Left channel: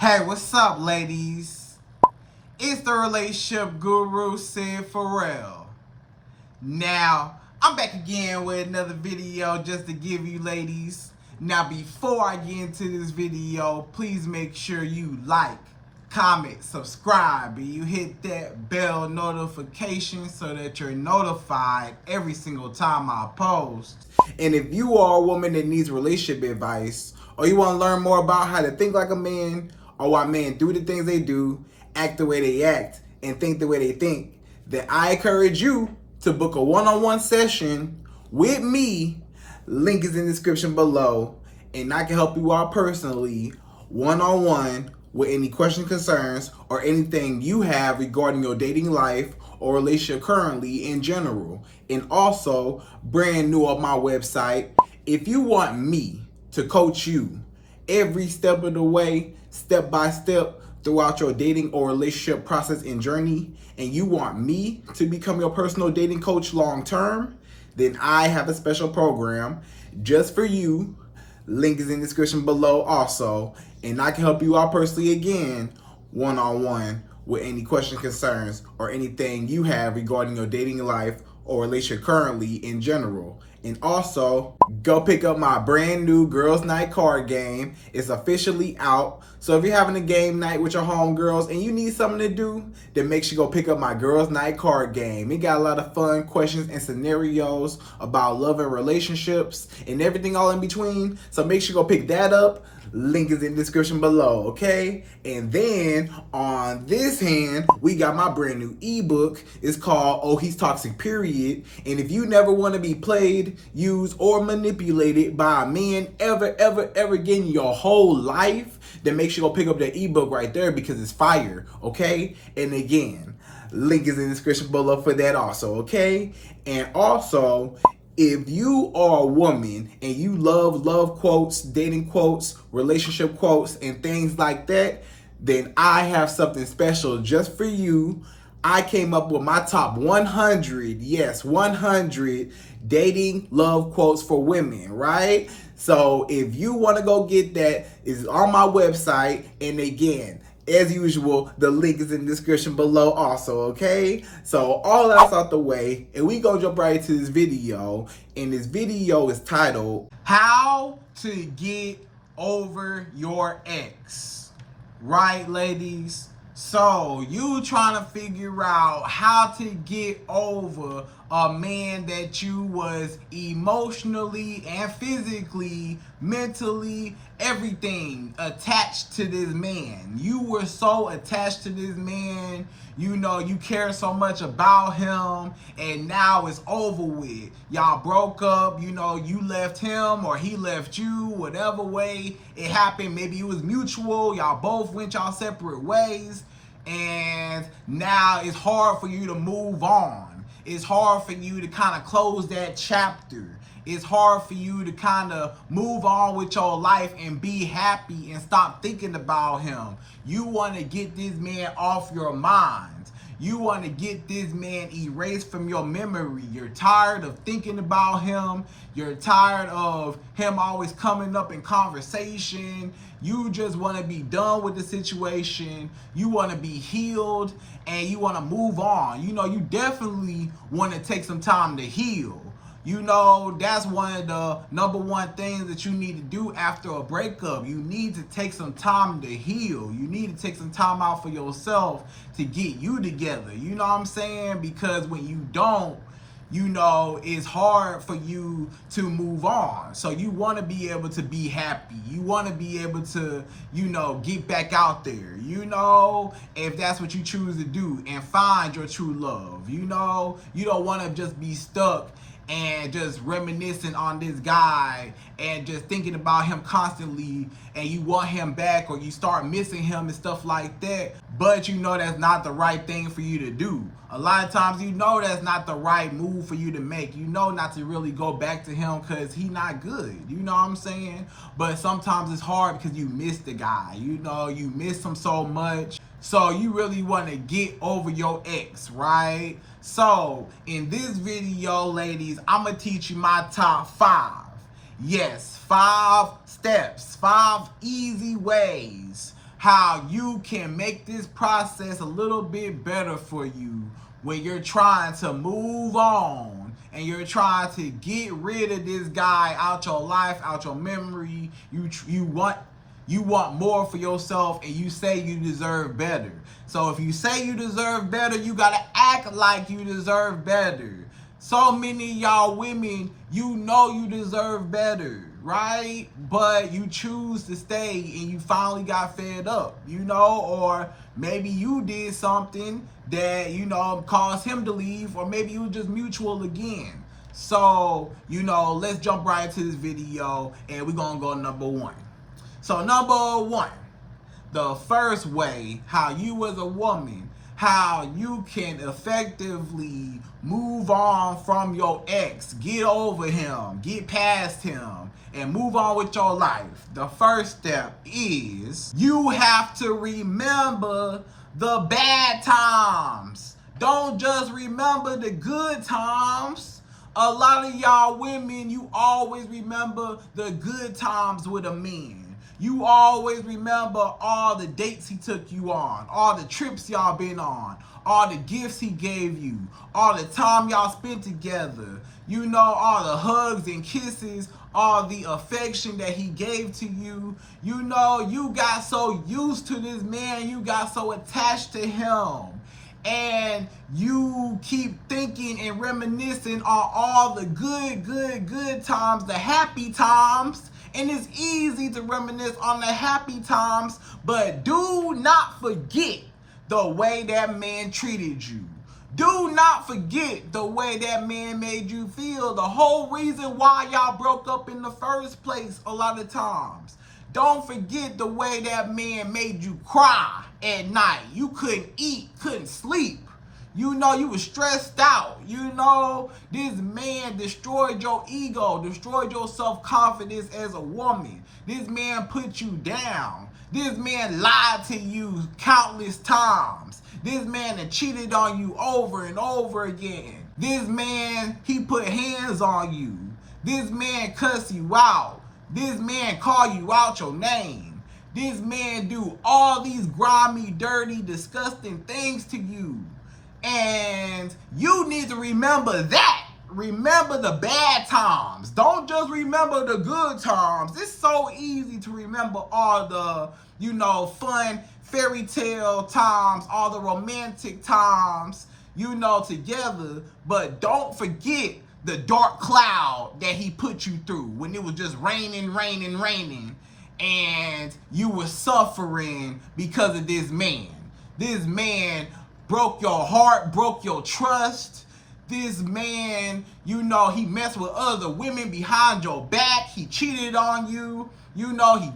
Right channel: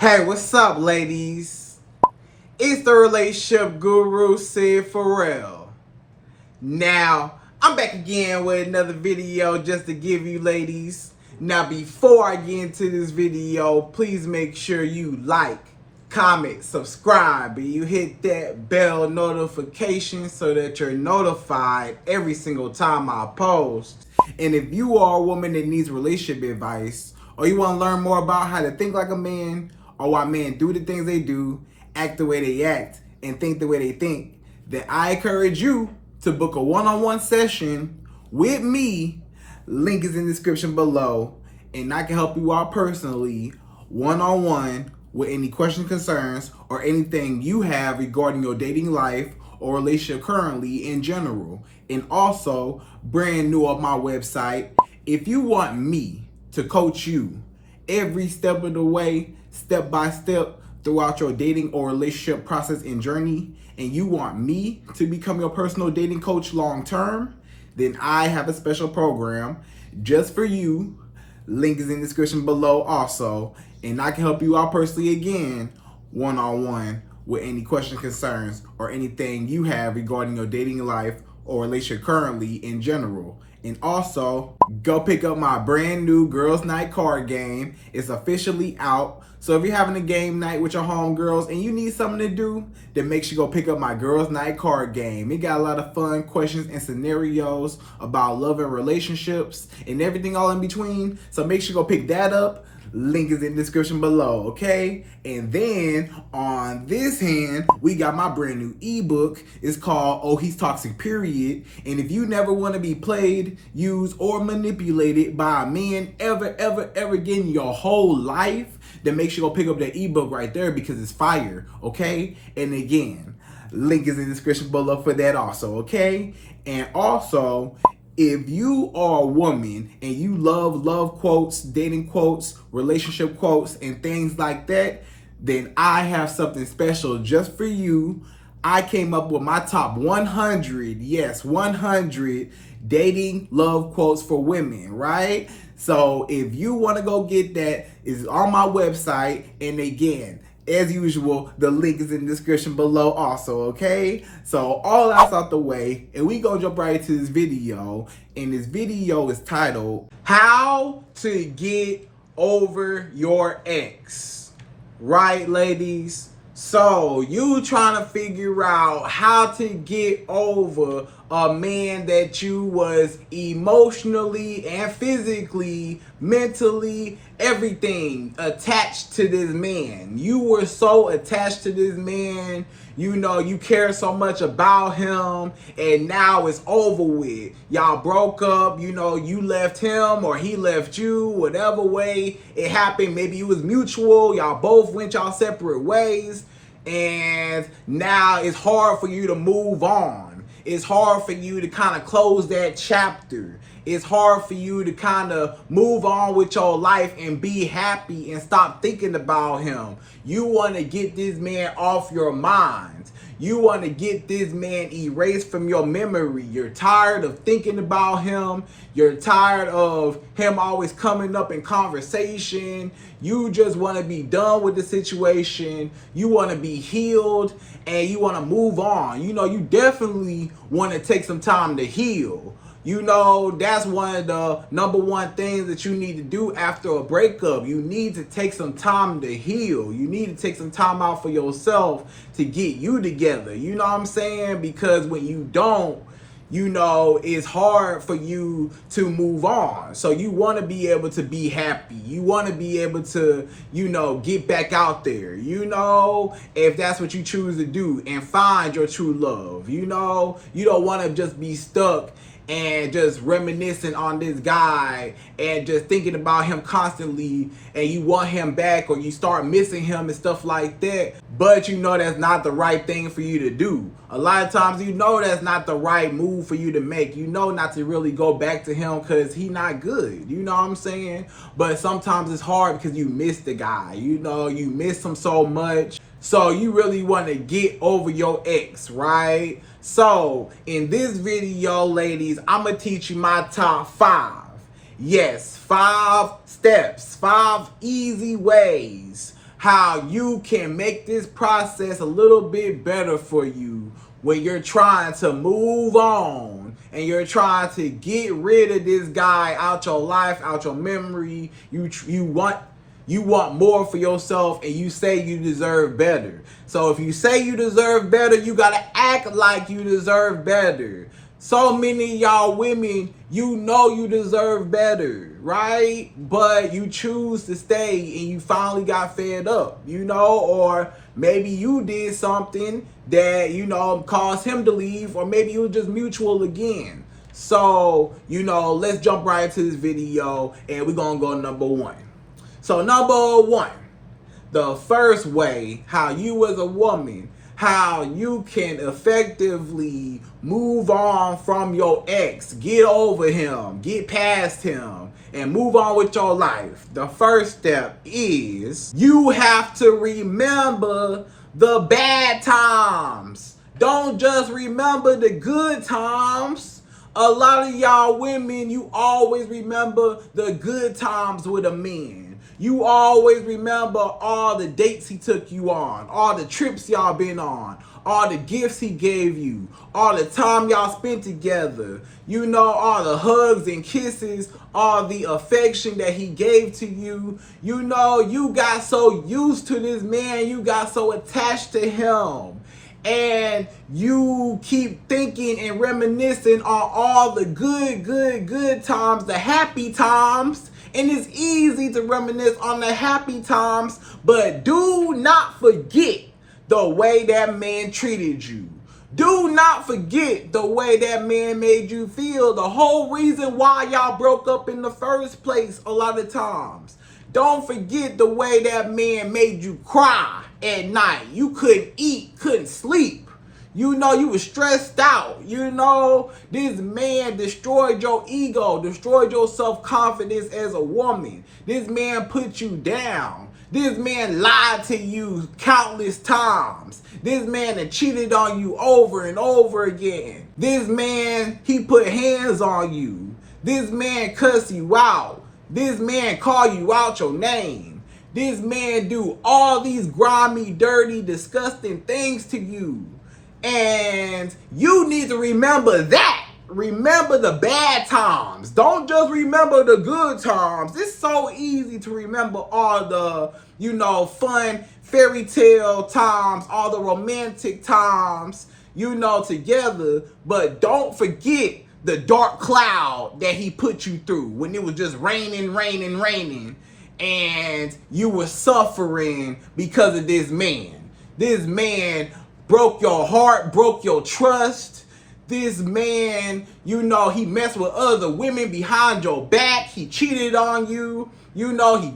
Hey, what's up, ladies? It's the relationship guru, Sydd Ferrell. Now, I'm back again with another video just to give you ladies. Now, before I get into this video, please make sure you like, comment, subscribe, and you hit that bell notification so that you're notified every single time I post. And if you are a woman that needs relationship advice, or you want to learn more about how to think like a man, or why men do the things they do, act the way they act, and think the way they think, then I encourage you to book a one-on-one session with me. Link is in the description below, and I can help you out personally, one-on-one, with any questions, concerns, or anything you have regarding your dating life or relationship currently in general. And also, brand new on my website, if you want me to coach you every step of the way, step by step, throughout your dating or relationship process and journey, and you want me to become your personal dating coach long term, then I have a special program just for you. Link is in the description below also, and I can help you out personally again, one-on-one, with any questions, concerns, or anything you have regarding your dating life or relationship currently in general. And also, go pick up my brand new Girls Night card game. It's officially out. So if you're having a game night with your homegirls and you need something to do, then make sure you go pick up my Girls Night card game. It got a lot of fun questions and scenarios about love and relationships and everything all in between. So make sure you go pick that up. Link is in the description below, okay? And then on this hand, we got my brand new ebook. It's called Oh He's Toxic, Period. And if you never want to be played, used, or manipulated by a man ever again in your whole life, then make sure you go pick up that ebook right there because it's fire, okay? And again, link is in the description below for that also, okay? And also, if you are a woman and you love quotes, dating quotes, relationship quotes, and things like that, then I have something special just for you. I came up with my top 100, yes, 100 dating love quotes for women, right? So if you want to go get that, it's on my website. And again, as usual, the link is in the description below also, okay? So all that's out the way, and we gonna jump right into this video. And this video is titled, How to Get Over Your Ex. Right, ladies? So you trying to figure out how to get over a man that you was emotionally and physically, mentally, everything attached to this man. You were so attached to this man, you know, you care so much about him, and now it's over with. Y'all broke up, you know, you left him or he left you, whatever way it happened. Maybe it was mutual, y'all both went y'all separate ways, and now it's hard for you to move on. It's hard for you to kind of close that chapter. It's hard for you to kind of move on with your life and be happy and stop thinking about him. You want to get this man off your mind. You want to get this man erased from your memory. You're tired of thinking about him. You're tired of him always coming up in conversation. You just want to be done with the situation. You want to be healed and you want to move on. You know, you definitely want to take some time to heal. You know, that's one of the number one things that you need to do after a breakup. You need to take some time to heal. You need to take some time out for yourself to get you together. You know what I'm saying? Because when you don't, you know, it's hard for you to move on. So you want to be able to be happy. You want to be able to, you know, get back out there, you know, if that's what you choose to do, and find your true love. You know, you don't want to just be stuck and just reminiscing on this guy and just thinking about him constantly, and you want him back or you start missing him and stuff like that. But you know that's not the right thing for you to do. A lot of times you know that's not the right move for you to make. You know not to really go back to him because he not good. You know what I'm saying? But sometimes it's hard because you miss the guy. You know, you miss him so much. So you really want to get over your ex, right? So in this video, ladies, I'm going to teach you my top 5. Yes, 5 steps, 5 easy ways how you can make this process a little bit better for you when you're trying to move on and you're trying to get rid of this guy out your life, out your memory. You want more for yourself, and you say you deserve better. So if you say you deserve better, you gotta act like you deserve better. So many of y'all women, you know you deserve better, right? But you choose to stay and you finally got fed up, or maybe you did something that, caused him to leave, or maybe it was just mutual again. So, let's jump right into this video and we're gonna go number one. So number one, the first way how you as a woman, how you can effectively move on from your ex, get over him, get past him, and move on with your life. The first step is you have to remember the bad times. Don't just remember the good times. A lot of y'all women, you always remember the good times with a man. You always remember all the dates he took you on, all the trips y'all been on, all the gifts he gave you, all the time y'all spent together, all the hugs and kisses, all the affection that he gave to you. You got so used to this man, you got so attached to him. And you keep thinking and reminiscing on all the good times, the happy times. And it's easy to reminisce on the happy times, but do not forget the way that man treated you. Do not forget the way that man made you feel. The whole reason why y'all broke up in the first place a lot of times. Don't forget the way that man made you cry at night. You couldn't eat, couldn't sleep. You were stressed out. This man destroyed your ego, destroyed your self-confidence as a woman. This man put you down. This man lied to you countless times. This man had cheated on you over and over again. This man, he put hands on you. This man cussed you out. This man called you out your name. This man do all these grimy, dirty, disgusting things to you. And you need to remember that. Remember the bad times. Don't just remember the good times. It's so easy to remember all the, fun fairy tale times, all the romantic times, together. But don't forget the dark cloud that he put you through when it was just raining, and you were suffering because of this man. This man broke your heart, broke your trust. This man, he messed with other women behind your back. He cheated on you. He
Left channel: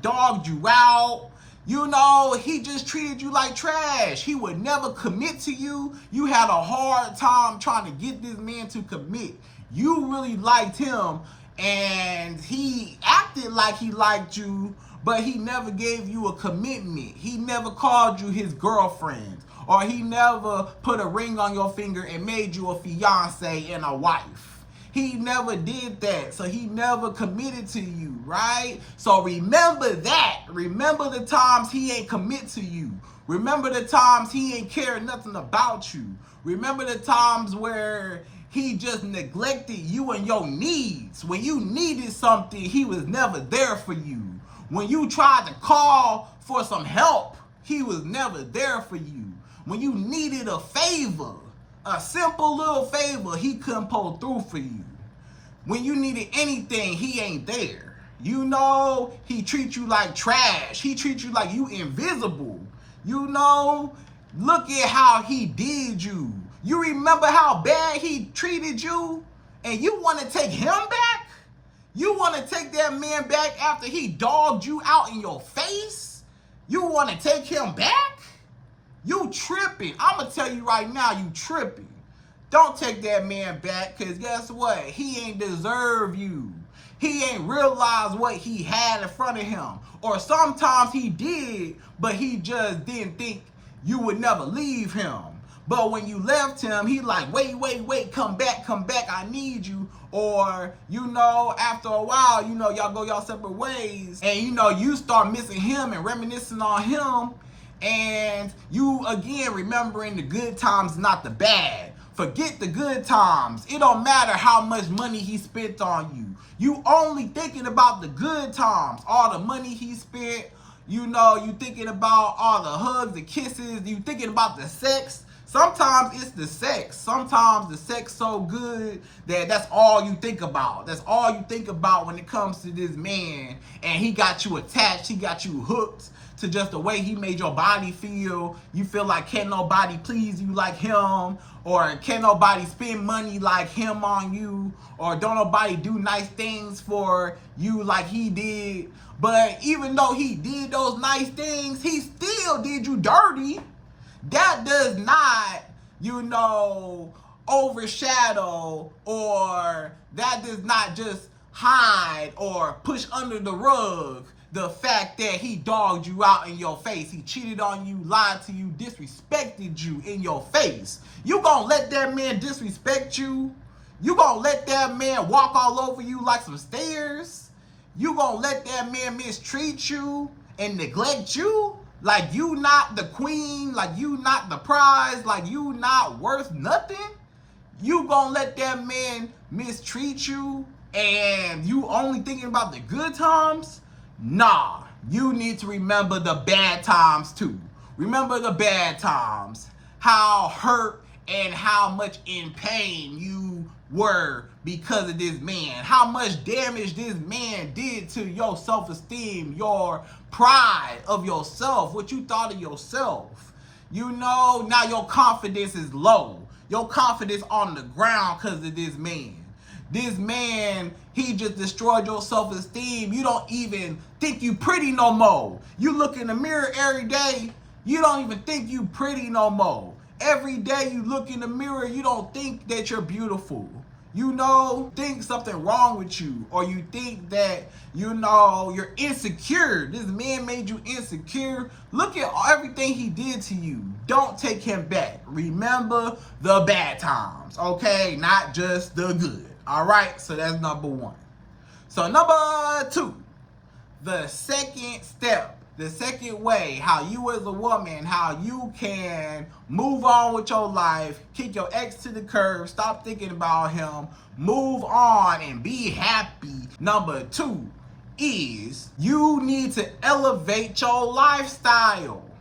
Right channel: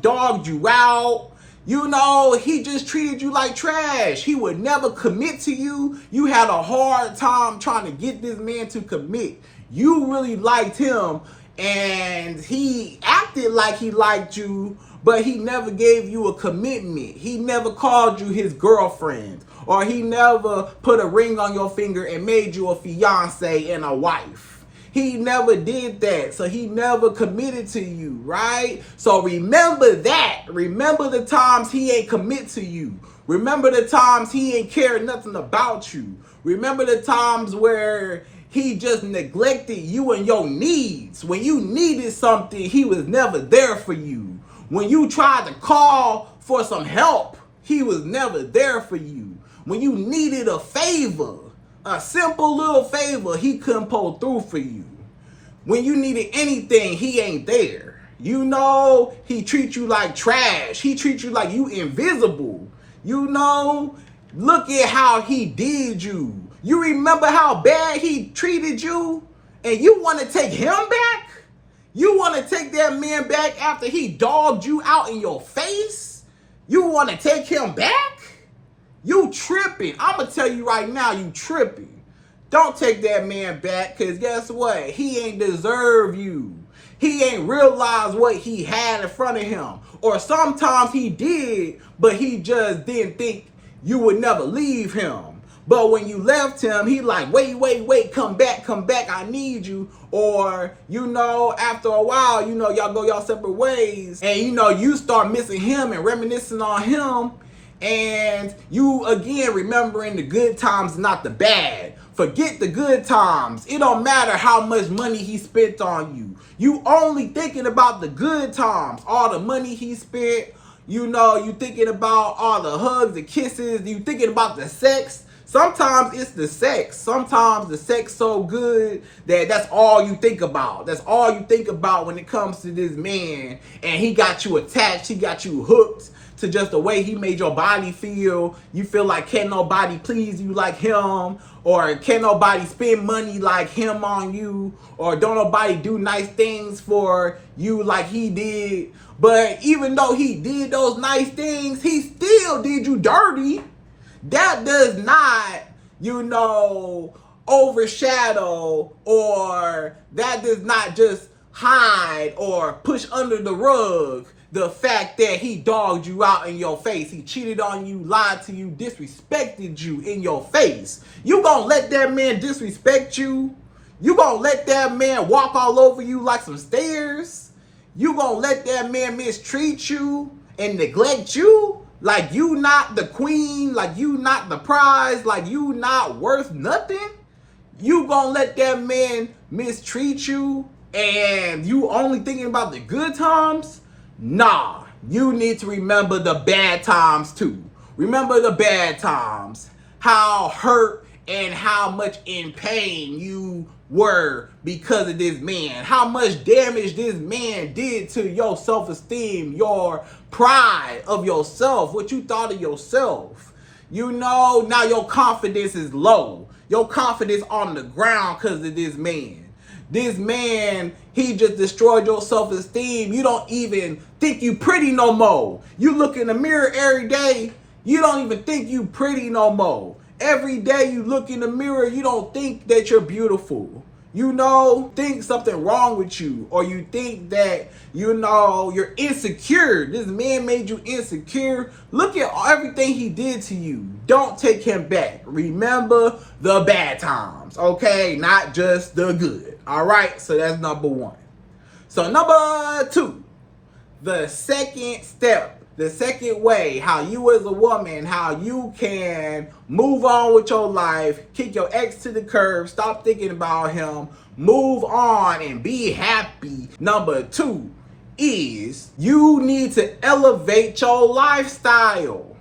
dogged you out. He just treated you like trash. He would never commit to you. You had a hard time trying to get this man to commit. You really liked him, and he acted like he liked you, but he never gave you a commitment. He never called you his girlfriend, or he never put a ring on your finger and made you a fiance and a wife. He never did that, so he never committed to you, right? So remember that. Remember the times he ain't commit to you. Remember the times he ain't cared nothing about you. Remember the times where he just neglected you and your needs. When you needed something, he was never there for you. When you tried to call for some help, he was never there for you. When you needed a favor, a simple little favor, he couldn't pull through for you. When you needed anything, he ain't there. He treats you like trash. He treats you like you invisible. Look at how he did you. You remember how bad he treated you? And you want to take him back? You want to take that man back after he dogged you out in your face? You want to take him back? You tripping. I'm going to tell you right now, you tripping. Don't take that man back, because guess what? He ain't deserve you. He ain't realized what he had in front of him. Or sometimes he did, but he just didn't think you would never leave him. But when you left him, he like, wait, come back, I need you. Or, after a while, y'all go y'all separate ways. And, you start missing him and reminiscing on him. And you, again, remembering the good times, not the bad. Forget the good times. It don't matter how much money he spent on you. You only thinking about the good times. All the money he spent. You know, you thinking about all the hugs, the kisses. You thinking about the sex. Sometimes it's the sex. Sometimes the sex so good that that's all you think about. That's all you think about when it comes to this man. And he got you attached. He got you hooked to just the way he made your body feel. You feel like can't nobody please you like him, or can't nobody spend money like him on you, or don't nobody do nice things for you like he did. But even though he did those nice things, he still did you dirty. That does not, you know, overshadow, or that does not just hide or push under the rug the fact that he dogged you out in your face. He cheated on you, lied to you, disrespected you in your face. You gonna let that man disrespect you? You gonna let that man walk all over you like some stairs? You gonna let that man mistreat you and neglect you? Like you not the queen, like you not the prize, like you not worth nothing? You gonna let that man mistreat you and you only thinking about the good times? Nah, you need to remember the bad times too. Remember the bad times. How hurt and how much in pain you were because of this man. How much damage this man did to your self-esteem, your pride of yourself, what you thought of yourself. You know, now your confidence is low. Your confidence on the ground because of this man. This man, he just destroyed your self-esteem. You don't even think you pretty no more. You look in the mirror every day, you don't even think you pretty no more. Every day you look in the mirror, you don't think that you're beautiful. You know, think something wrong with you, or you think that, you know, you're insecure. This man made you insecure. Look at everything he did to you. Don't take him back. Remember the bad times, okay? Not just the good. All right, so that's number one. So number two, the second step, the second way, how you as a woman, how you can move on with your life, kick your ex to the curb, stop thinking about him, move on and be happy. Number two is you need to elevate your lifestyle.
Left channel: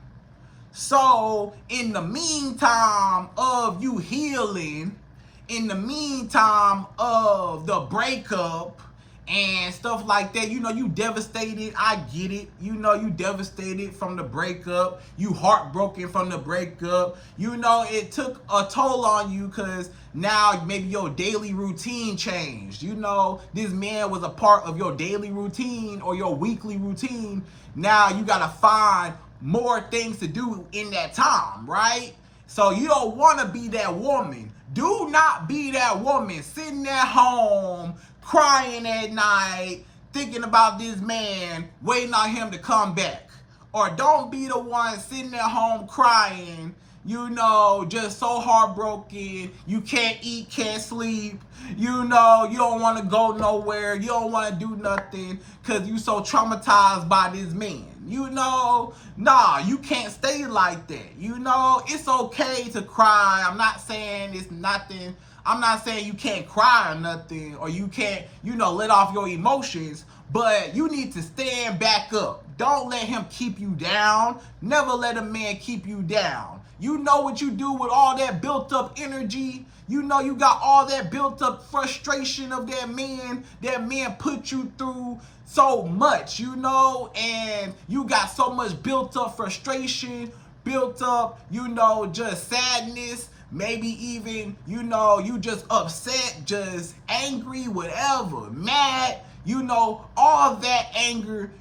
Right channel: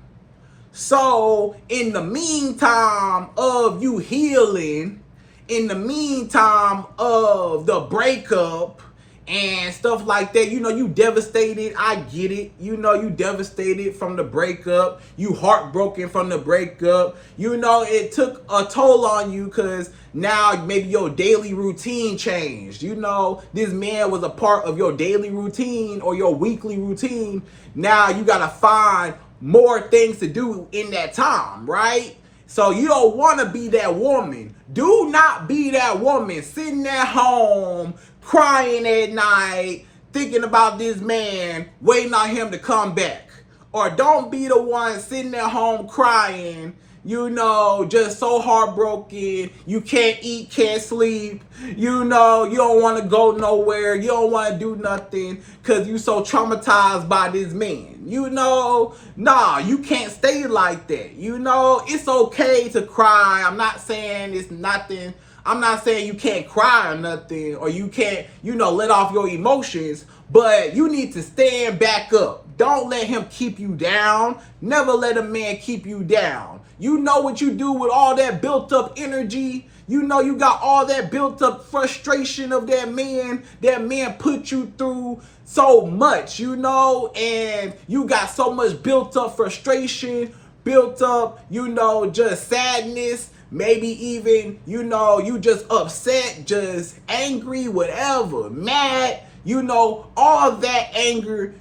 So in the meantime of you healing, in the meantime of the breakup and stuff like that, you know, you devastated. I get it. You know, you devastated from the breakup. You heartbroken from the breakup. You know, it took a toll on you because now maybe your daily routine changed. You know, this man was a part of your daily routine or your weekly routine. Now you got to find more things to do in that time, right? So you don't want to be that woman. Do not be that woman sitting at home, crying at night, thinking about this man, waiting on him to come back. Or don't be the one sitting at home crying, you know, just so heartbroken, you can't eat, can't sleep, you know, you don't want to go nowhere, you don't want to do nothing because you so traumatized by this man. You know, nah, you can't stay like that. You know, it's okay to cry. I'm not saying it's nothing. I'm not saying you can't cry or nothing, or you can't, you know, let off your emotions, but you need to stand back up. Don't let him keep you down. Never let a man keep you down. You know what you do with all that built up energy. You know you got all that built up frustration of that man. That man put you through so much, you know, and you got so much built up frustration, built up, you know, just sadness. Maybe even, you know, you just upset, just angry, whatever, mad, you know, all of that anger,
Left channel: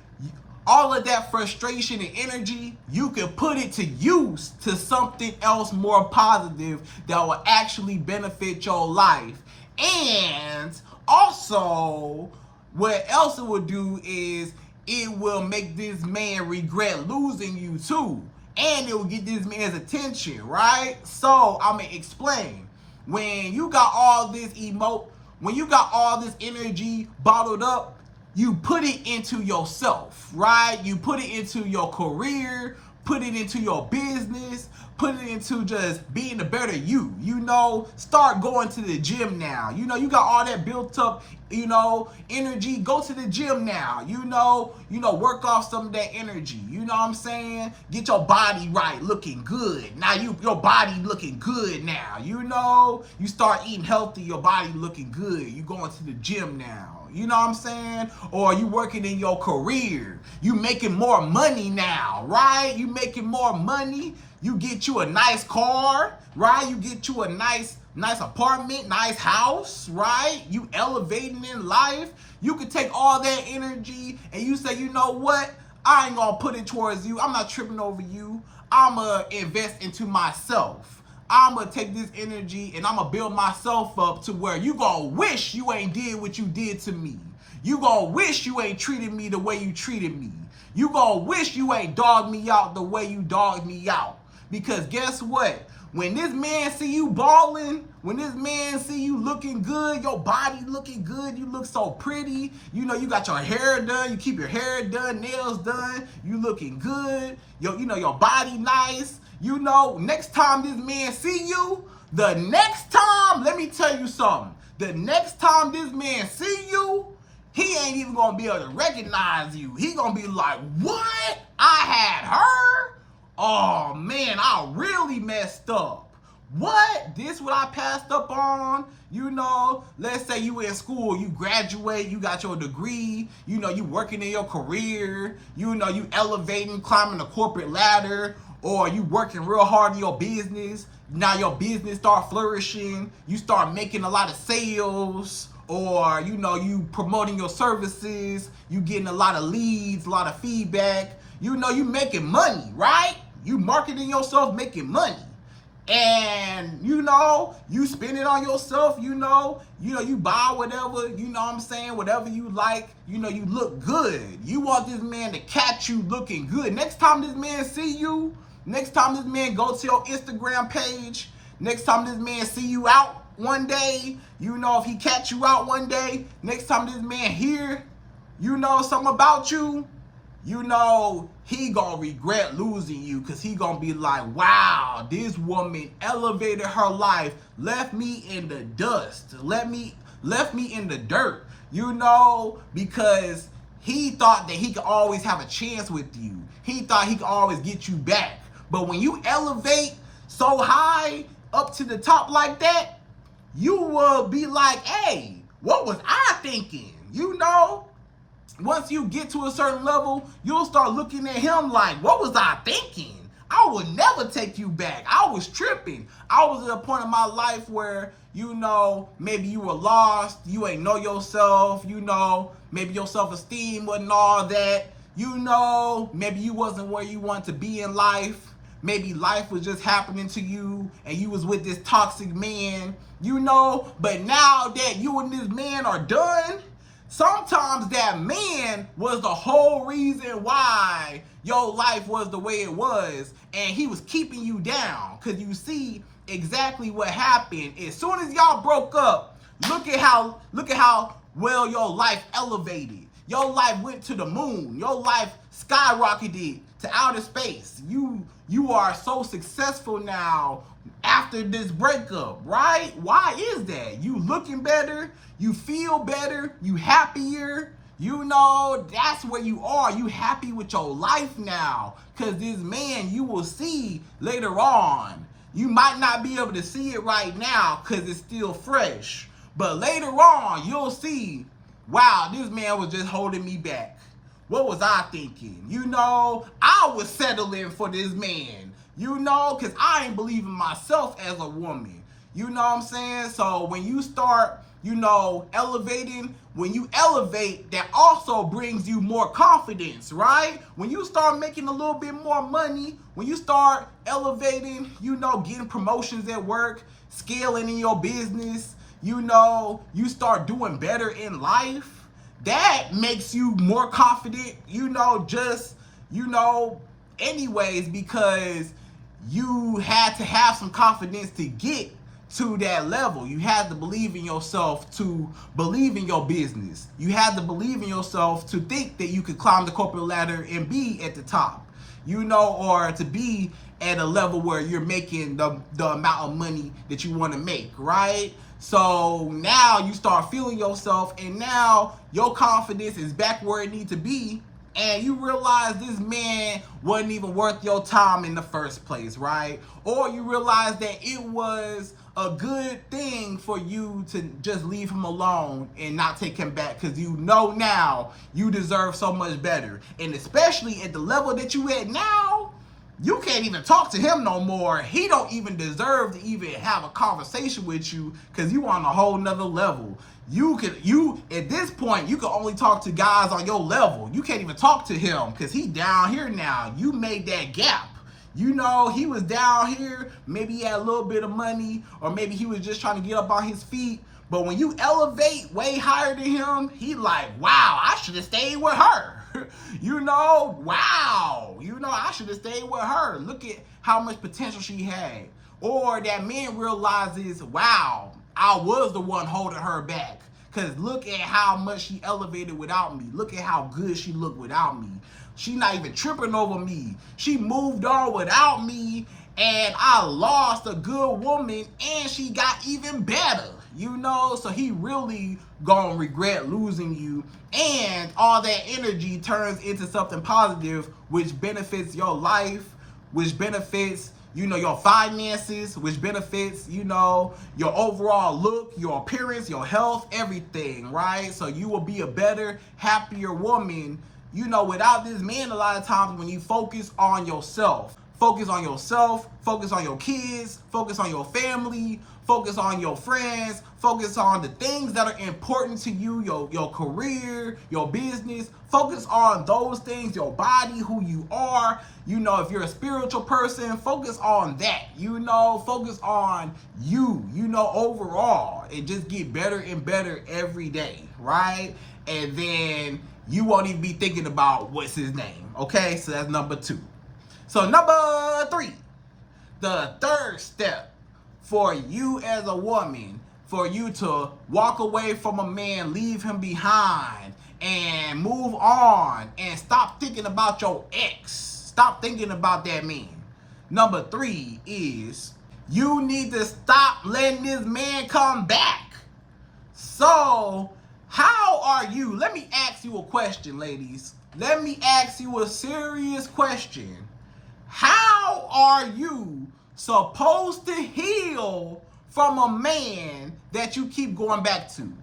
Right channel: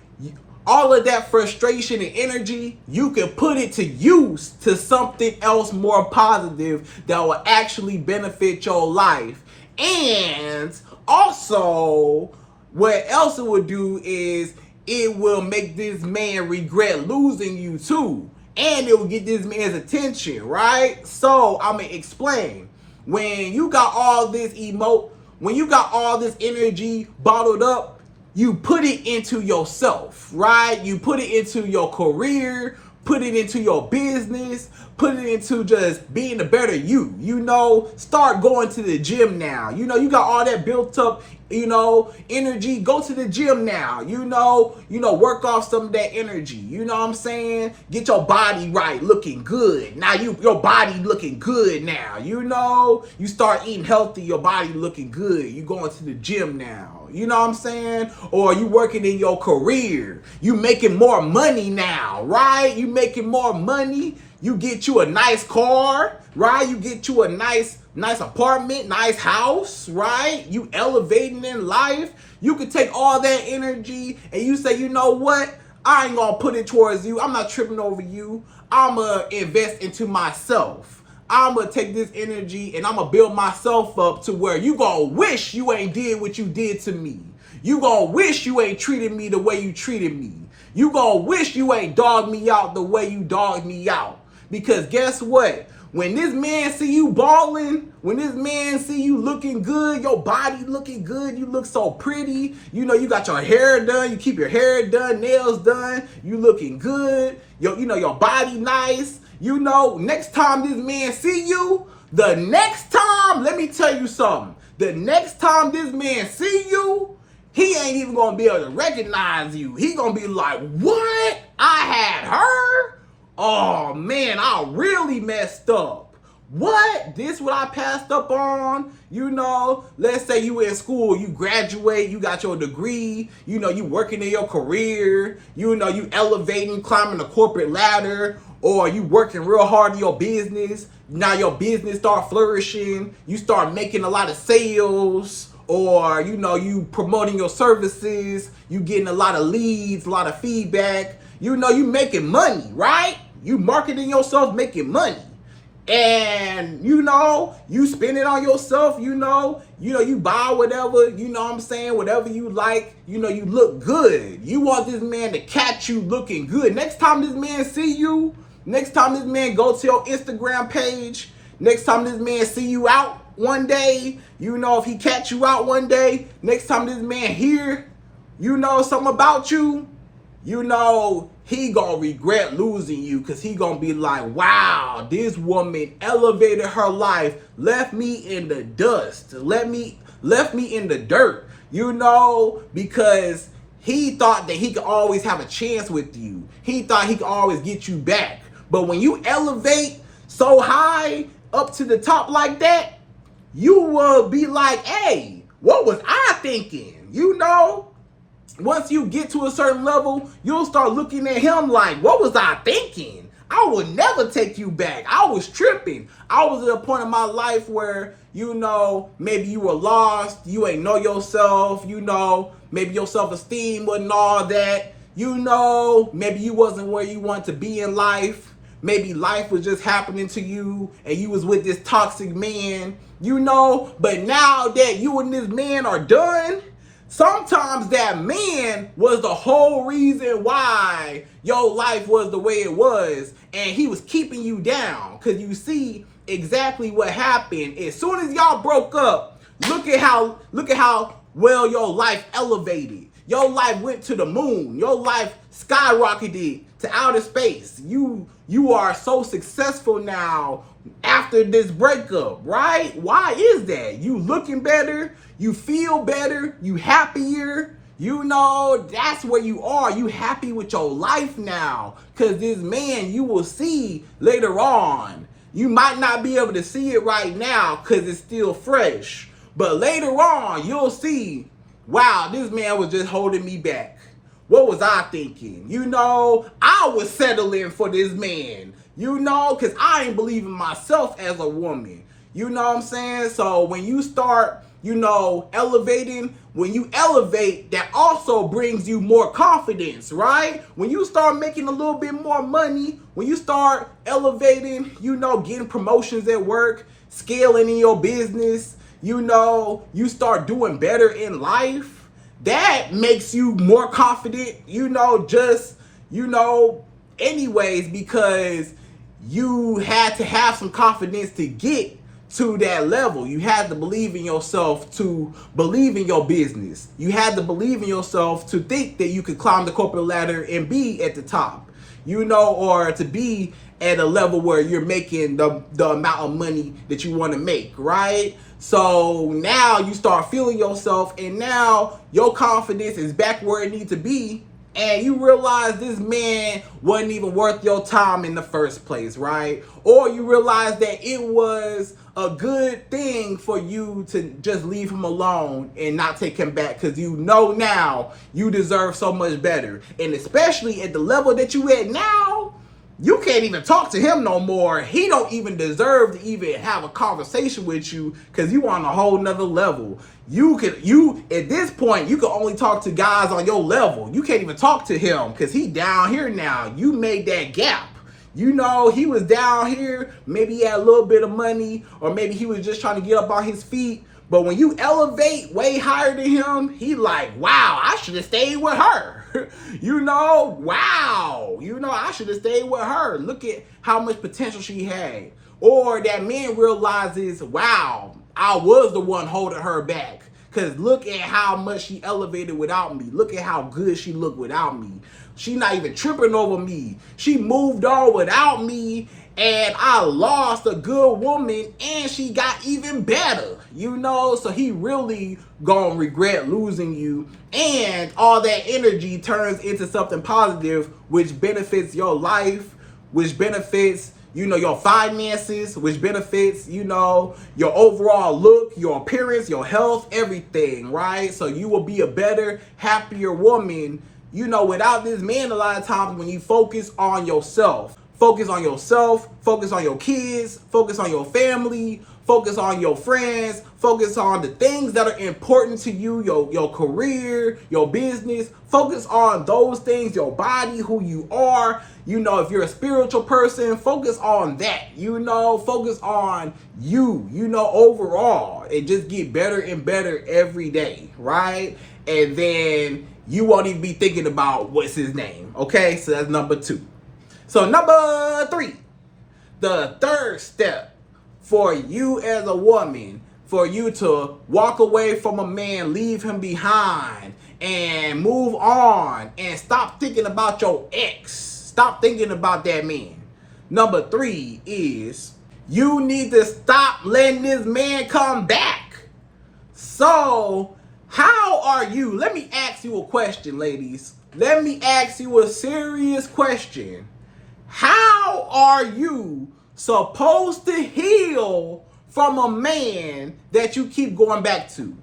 all of that frustration and energy, you can put it to use to something else more positive that will actually benefit your life. And also, what else it will do is it will make this man regret losing you too. And it will get this man's attention, right? So I'm gonna explain. When you got all this when you got all this energy bottled up, you put it into yourself, right? You put it into your career, put it into your business, put it into just being a better you. You know, start going to the gym now. You know, you got all that built up, you know, energy. Go to the gym now. You know, work off some of that energy. You know what I'm saying? Get your body right, looking good. Now your body looking good now. You know, you start eating healthy, your body looking good. You going to the gym now. You know what I'm saying? Or you working in your career. You making more money now, right? You making more money. You get you a nice car, right? You get you a nice apartment, nice house, right? You elevating in life. You can take all that energy and you say, you know what? I ain't gonna put it towards you. I'm not tripping over you. I'm gonna invest into myself. I'm gonna take this energy and I'm gonna build myself up to where you gonna wish you ain't did what you did to me. You gonna wish you ain't treated me the way you treated me. You gonna wish you ain't dogged me out the way you dogged me out. Because guess what? When this man see you balling, when this man see you looking good, your body looking good, you look so pretty, you know, you got your hair done, you keep your hair done, nails done, you looking good, you know, your body nice, you know, next time this man see you, the next time, let me tell you something, the next time this man see you, he ain't even gonna be able to recognize you. He gonna be like, what? I had her? Oh man, I really messed up. What? This what I passed up on? You know, let's say you in school, you graduate, you got your degree, you know, you working in your career, you know, you elevating, climbing the corporate ladder, or you working real hard in your business. Now your business start flourishing, you start making a lot of sales, or you know, you promoting your services, you getting a lot of leads, a lot of feedback. You know, you making money, right? You marketing yourself, making money. And, you know, you spend it on yourself, you know, you buy whatever, you know what I'm saying, whatever you like, you know, you look good. You want this man to catch you looking good. Next time this man see you, next time this man go to your Instagram page, next time this man see you out one day, you know, if he catch you out one day, next time this man hear, you know, something about you, you know, he gonna regret losing you, because he gonna be like, wow, this woman elevated her life, left me in the dust, left me in the dirt, you know, because he thought that he could always have a chance with you. He thought he could always get you back. But when you elevate so high up to the top like that, you will be like, hey, what was I thinking? You know? Once you get to a certain level, you'll start looking at him like, what was I thinking? I would never take you back. I was tripping. I was at a point in my life where, you know, maybe you were lost. You ain't know yourself. You know, maybe your self-esteem wasn't all that. You know, maybe you wasn't where you want to be in life. Maybe life was just happening to you and you was with this toxic man, you know. But now that you and this man are done, sometimes that man was the whole reason why your life was the way it was, and he was keeping you down. Because you see exactly what happened. As soon as y'all broke up, look at how well your life elevated. Your life went to the moon. Your life skyrocketed to outer space. You are so successful now after this breakup, right? Why is that? You looking better, you feel better, you happier, you know, that's where you are. You happy with your life now, because this man you will see later on. You might not be able to see it right now because it's still fresh, but later on you'll see, wow, this man was just holding me back. What was I thinking? You know, I was settling for this man, you know, because I ain't believing myself as a woman. You know what I'm saying? So when you start, you know, elevating, when you elevate, that also brings you more confidence, right? When you start making a little bit more money, when you start elevating, you know, getting promotions at work, scaling in your business, you know, you start doing better in life, that makes you more confident, you know, just, you know, anyways, because you had to have some confidence to get to that level. You had to believe in yourself to believe in your business. You had to believe in yourself to think that you could climb the corporate ladder and be at the top. or to be at a level where you're making the amount of money that you want to make, right? So now you start feeling yourself, and now your confidence is back where it needs to be, and you realize this man wasn't even worth your time in the first place, right? Or you realize that it was a good thing for you to just leave him alone and not take him back, because you know now you deserve so much better. And especially at the level that you at now, you can't even talk to him no more. He don't even deserve to even have a conversation with you, because you on a whole nother level. You at this point, you can only talk to guys on your level. You can't even talk to him because he down here now. You made that gap. He was down here, maybe he had a little bit of money, or maybe he was just trying to get up on his feet. But when you elevate way higher than him, he like, wow, I should have stayed with her. Wow, I should have stayed with her. Look at how much potential she had. Or that man realizes, wow, I was the one holding her back, because look at how much she elevated without me. Look at how good she looked without me. She not even tripping over me. She moved on without me, and I lost a good woman, and she got even better, So he really gonna regret losing you, and all that energy turns into something positive, which benefits your life, which benefits, your finances, which benefits, your overall look, your appearance, your health, everything, right? So you will be a better, happier woman, without this man. A lot of times when you focus on yourself, focus on your kids, focus on your family, focus on your friends, focus on the things that are important to you, your career, your business, focus on those things, your body, who you are. If you're a spiritual person, focus on that, focus on you, overall, and just get better and better every day, right? And then you won't even be thinking about what's his name, okay? So that's number 2. So number 3, the third step for you as a woman, for you to walk away from a man, leave him behind, and move on, and stop thinking about your ex. Stop thinking about that man. Number 3 is you need to stop letting this man come back. So how are you? Let me ask you a question, ladies. Let me ask you a serious question. How are you supposed to heal from a man that you keep going back to?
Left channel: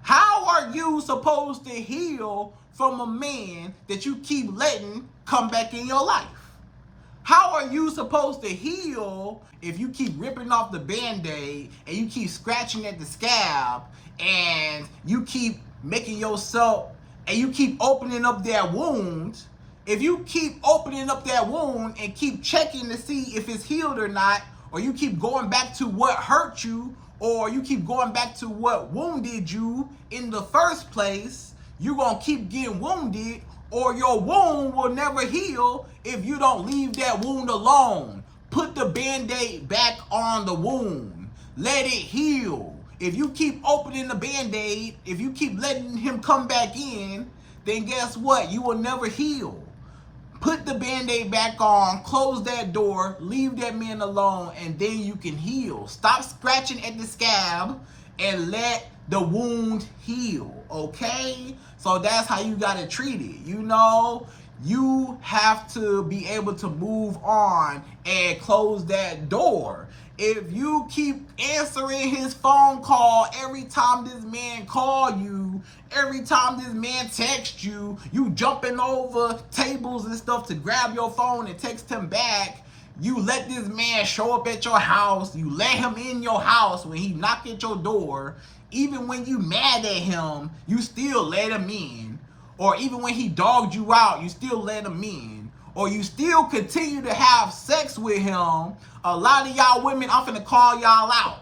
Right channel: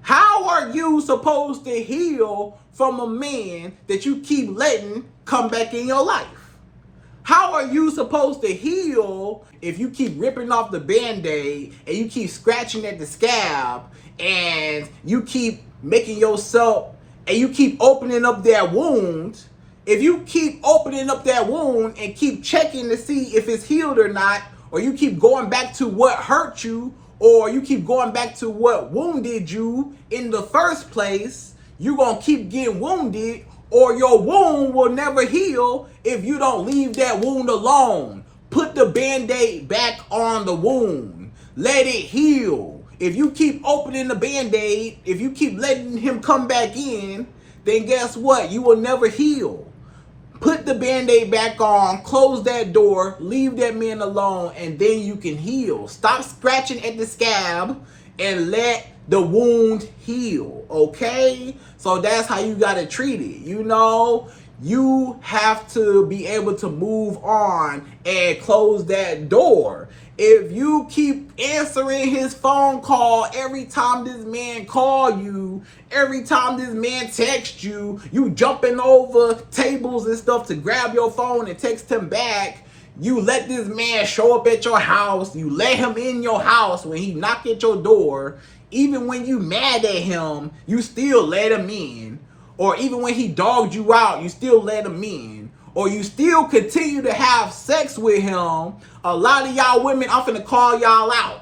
How are you supposed to heal from a man that you keep letting come back in your life? How are you supposed to heal if you keep ripping off the Band-Aid, and you keep scratching at the scab, and you keep making yourself, and you keep opening up that wound? If you keep opening up that wound and keep checking to see if it's healed or not, or you keep going back to what hurt you, or you keep going back to what wounded you in the first place, you're going to keep getting wounded, or your wound will never heal if you don't leave that wound alone. Put the Band-Aid back on the wound. Let it heal. If you keep opening the Band-Aid, if you keep letting him come back in, then guess what? You will never heal. Put the Band-Aid back on, close that door, leave that man alone, and then you can heal. Stop scratching at the scab and let the wound heal, okay? So that's how you gotta treat it, You have to be able to move on and close that door. If you keep answering his phone call every time this man call you, every time this man texts you, you jumping over tables and stuff to grab your phone and text him back, you let this man show up at your house, you let him in your house when he knock at your door, even when you mad at him, you still let him in. Or even when he dogged you out, you still let him in. Or you still continue to have sex with him. A lot of y'all women, I'm finna call y'all out.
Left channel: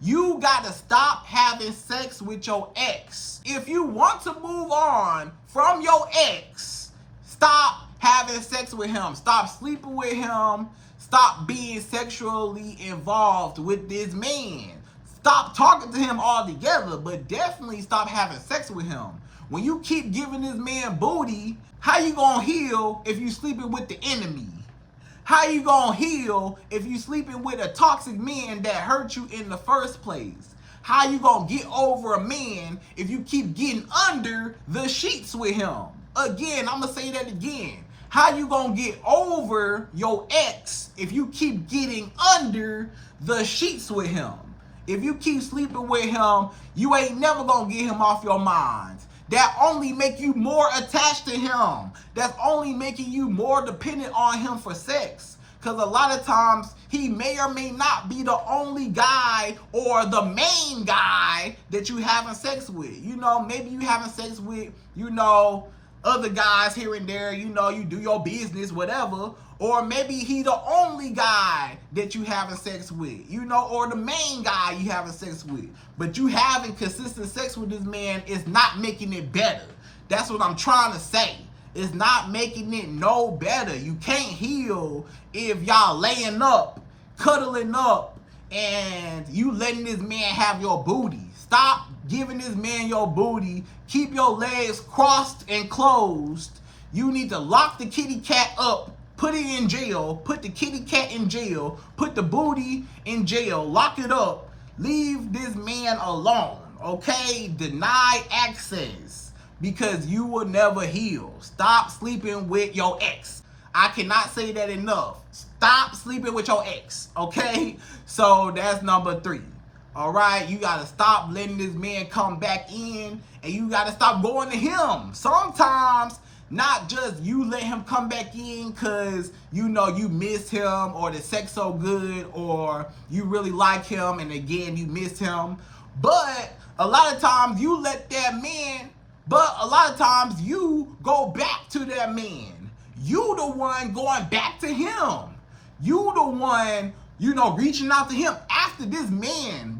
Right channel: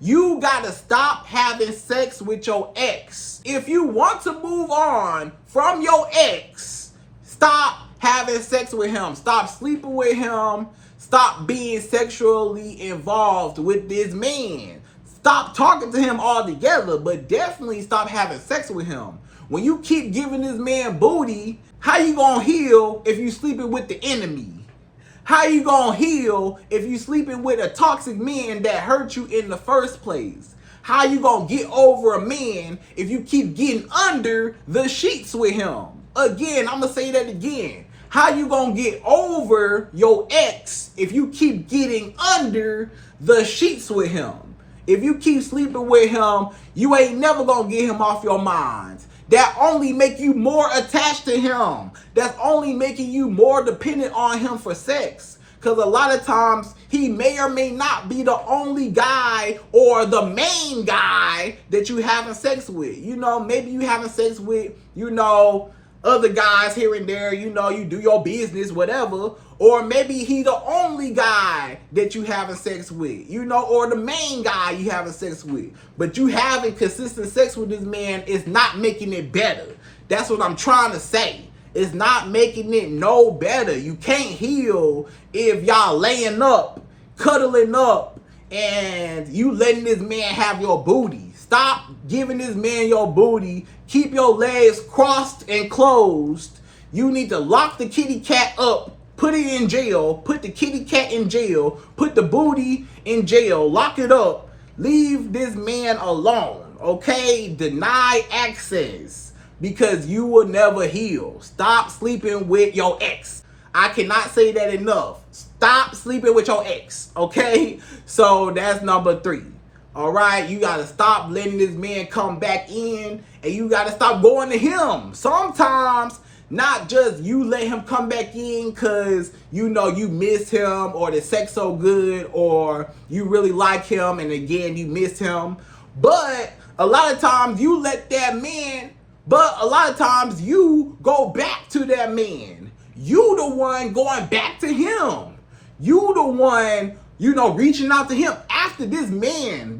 You gotta stop having sex with your ex. If you want to move on from your ex, stop having sex with him. Stop sleeping with him. Stop being sexually involved with this man. Stop talking to him altogether, but definitely stop having sex with him. When you keep giving this man booty, How you gonna heal if you sleeping with the enemy? How you gonna heal if you sleeping with a toxic man that hurt you in the first place? How you gonna get over a man if you keep getting under the sheets with him? Again, I'm gonna say that again. How you gonna get over your ex if you keep getting under the sheets with him? If you keep sleeping with him, you ain't never gonna get him off your mind. That only make you more attached to him. That's only making you more dependent on him for sex. Because a lot of times, he may or may not be the only guy or the main guy that you having sex with. You know, maybe you having sex with, you know, other guys here and there, you know, you do your business, whatever. Or maybe he the only guy that you having sex with, you know, or the main guy you having sex with. But you having consistent sex with this man is not making it better. That's what I'm trying to say. It's not making it no better. You can't heal if y'all laying up, cuddling up, and you letting this man have your booty. Stop giving this man your booty. Keep your legs crossed and closed. You need to lock the kitty cat up, put it in jail, put the kitty cat in jail, put the booty in jail, lock it up. Leave this man alone, okay? Deny access because you will never heal. Stop sleeping with your ex. I cannot say that enough. Stop sleeping with your ex, okay? So that's number 3. All right, you got to stop letting this man come back in, and you got to stop going to him. Sometimes, not just you let him come back in because, you know, you miss him or the sex so good or you really like him and again, you miss him. But a lot of times you let that man, but a lot of times you go back to that man. You the one going back to him. You the one, you know, reaching out to him after this man,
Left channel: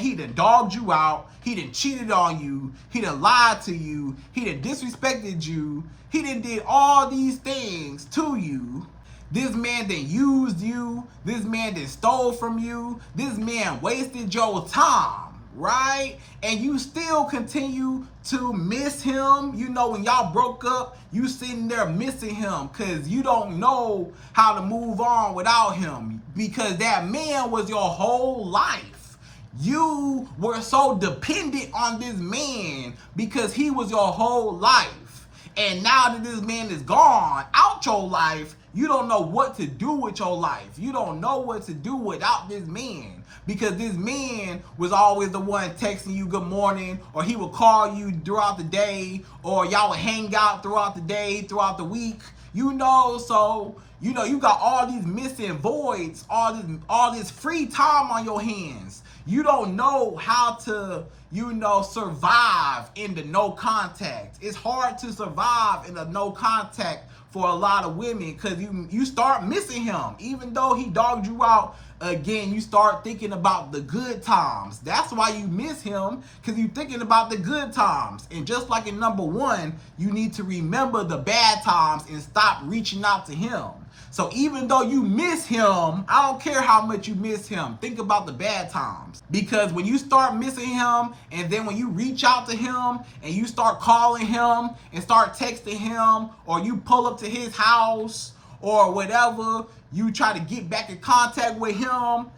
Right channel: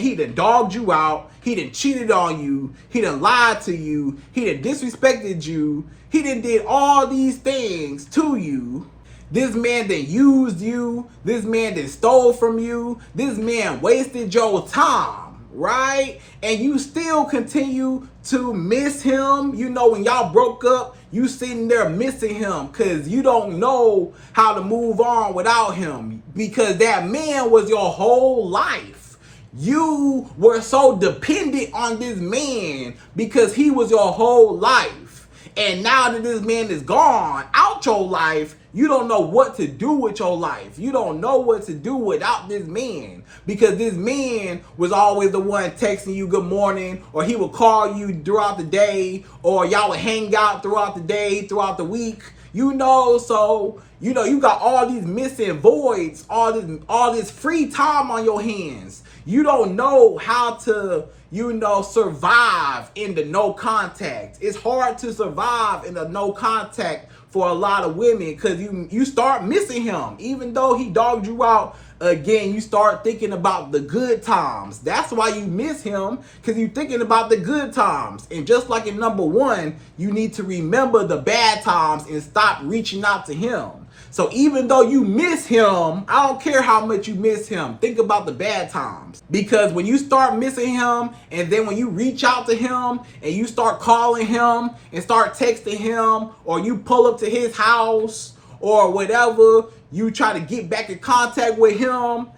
he done dogged you out. He done cheated on you. He done lied to you. He done disrespected you. He done did all these things to you. This man done used you. This man done stole from you. This man wasted your time, right? And you still continue to miss him. You know, when y'all broke up, you sitting there missing him because you don't know how to move on without him because that man was your whole life. You were so dependent on this man because he was your whole life. And now that this man is gone out your life, you don't know what to do with your life. You don't know what to do without this man because this man was always the one texting you good morning, or he would call you throughout the day, or y'all would hang out throughout the day, throughout the week, you know. So, you know, you got all these missing voids, all this free time on your hands. You don't know how to, you know, survive in the no contact. It's hard to survive in the no contact for a lot of women because you start missing him. Even though he dogged you out, again, you start thinking about the good times. That's why you miss him, because you're thinking about the good times. And just like in number 1, you need to remember the bad times and stop reaching out to him. So even though you miss him, I don't care how much you miss him, think about the bad times. Because when you start missing him, and then when you reach out to him, and you start calling him, and start texting him, or you pull up to his house, or whatever, you try to get back in contact with him,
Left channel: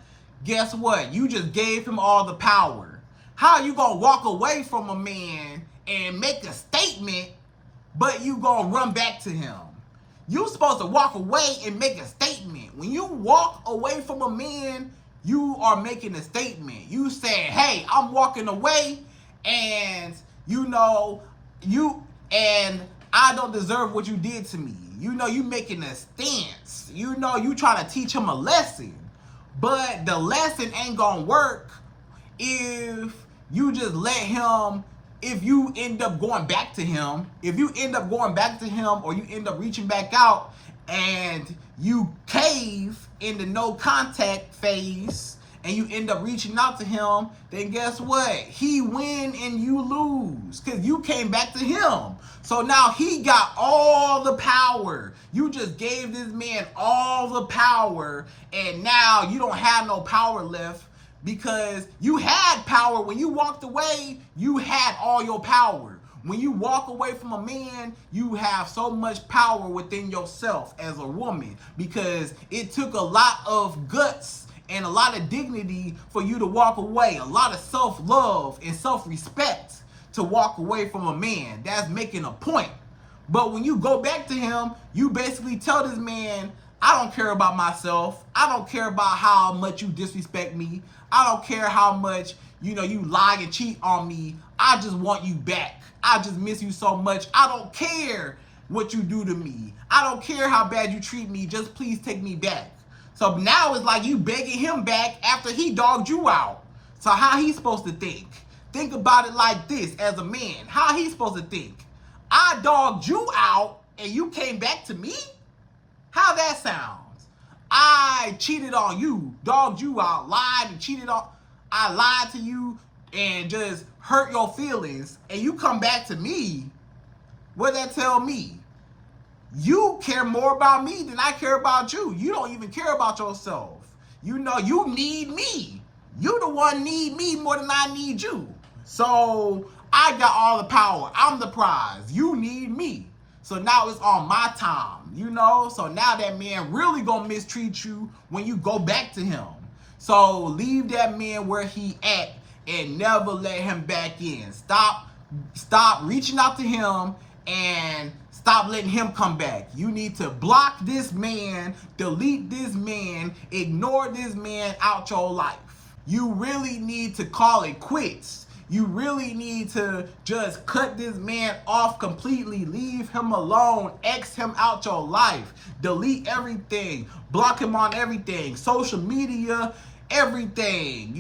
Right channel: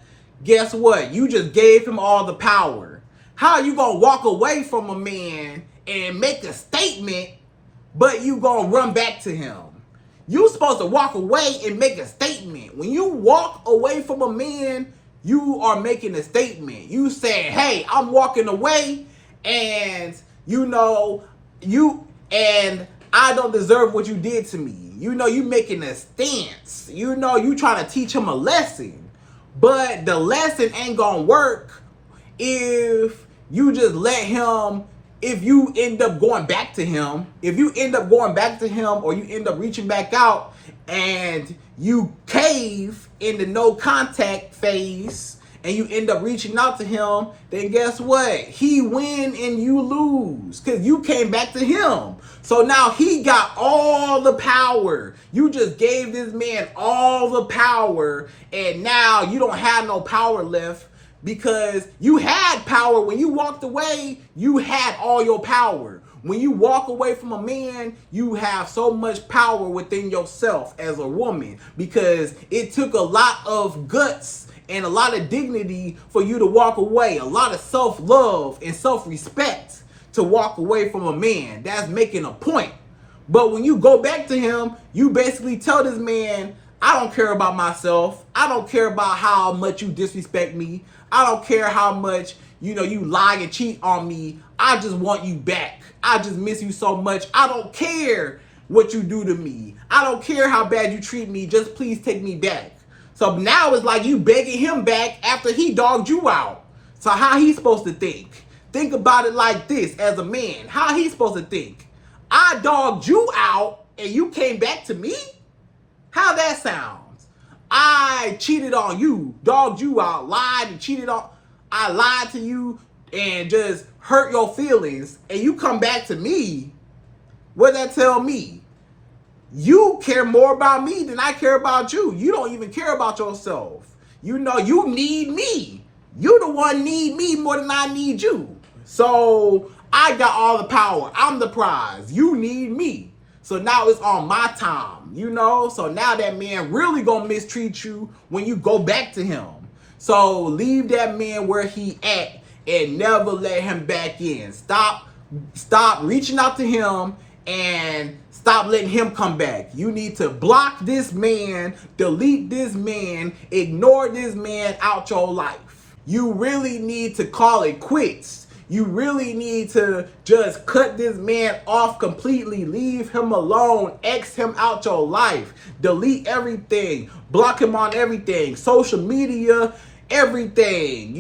guess what? You just gave him all the power. How are you gonna walk away from a man and make a statement, but you gonna run back to him? You're supposed to walk away and make a statement. When you walk away from a man, you are making a statement. You say, hey, I'm walking away, and you know, and I don't deserve what you did to me. You know, you making a stance. You know, you trying to teach him a lesson. But the lesson ain't gonna work if you just let him, if you end up going back to him, or you end up reaching back out and you cave in the no contact phase and you end up reaching out to him, then guess what? He win and you lose because you came back to him. So now he got all the power. You just gave this man all the power, and now you don't have no power left. Because you had power when you walked away, you had all your power. When you walk away from a man, you have so much power within yourself as a woman, because it took a lot of guts and a lot of dignity for you to walk away, a lot of self-love and self-respect to walk away from a man. That's making a point. But when you go back to him, you basically tell this man, I don't care about myself. I don't care about how much you disrespect me. I don't care how much, you lie and cheat on me. I just want you back. I just miss you so much. I don't care what you do to me. I don't care how bad you treat me. Just please take me back. So now it's like you begging him back after he dogged you out. So how he supposed to think? Think about it like this as a man. How he supposed to think? I dogged you out and you came back to me? How that sounds? I cheated on you, dogged you out, lied and cheated on. I lied to you and just hurt your feelings, and you come back to me. What that tell me? You care more about me than I care about you. You don't even care about yourself. You need me. You the one need me more than I need you. So I got all the power. I'm the prize. You need me. So now it's on my time, So now that man really gonna mistreat you when you go back to him. So leave that man where he at and never let him back in. Stop reaching out to him and stop letting him come back. You need to block this man, delete this man, ignore this man out your life. You really need to call it quits. You really need to just cut this man off completely. Leave him alone. X him out your life. Delete everything. Block him on everything. Social media, everything.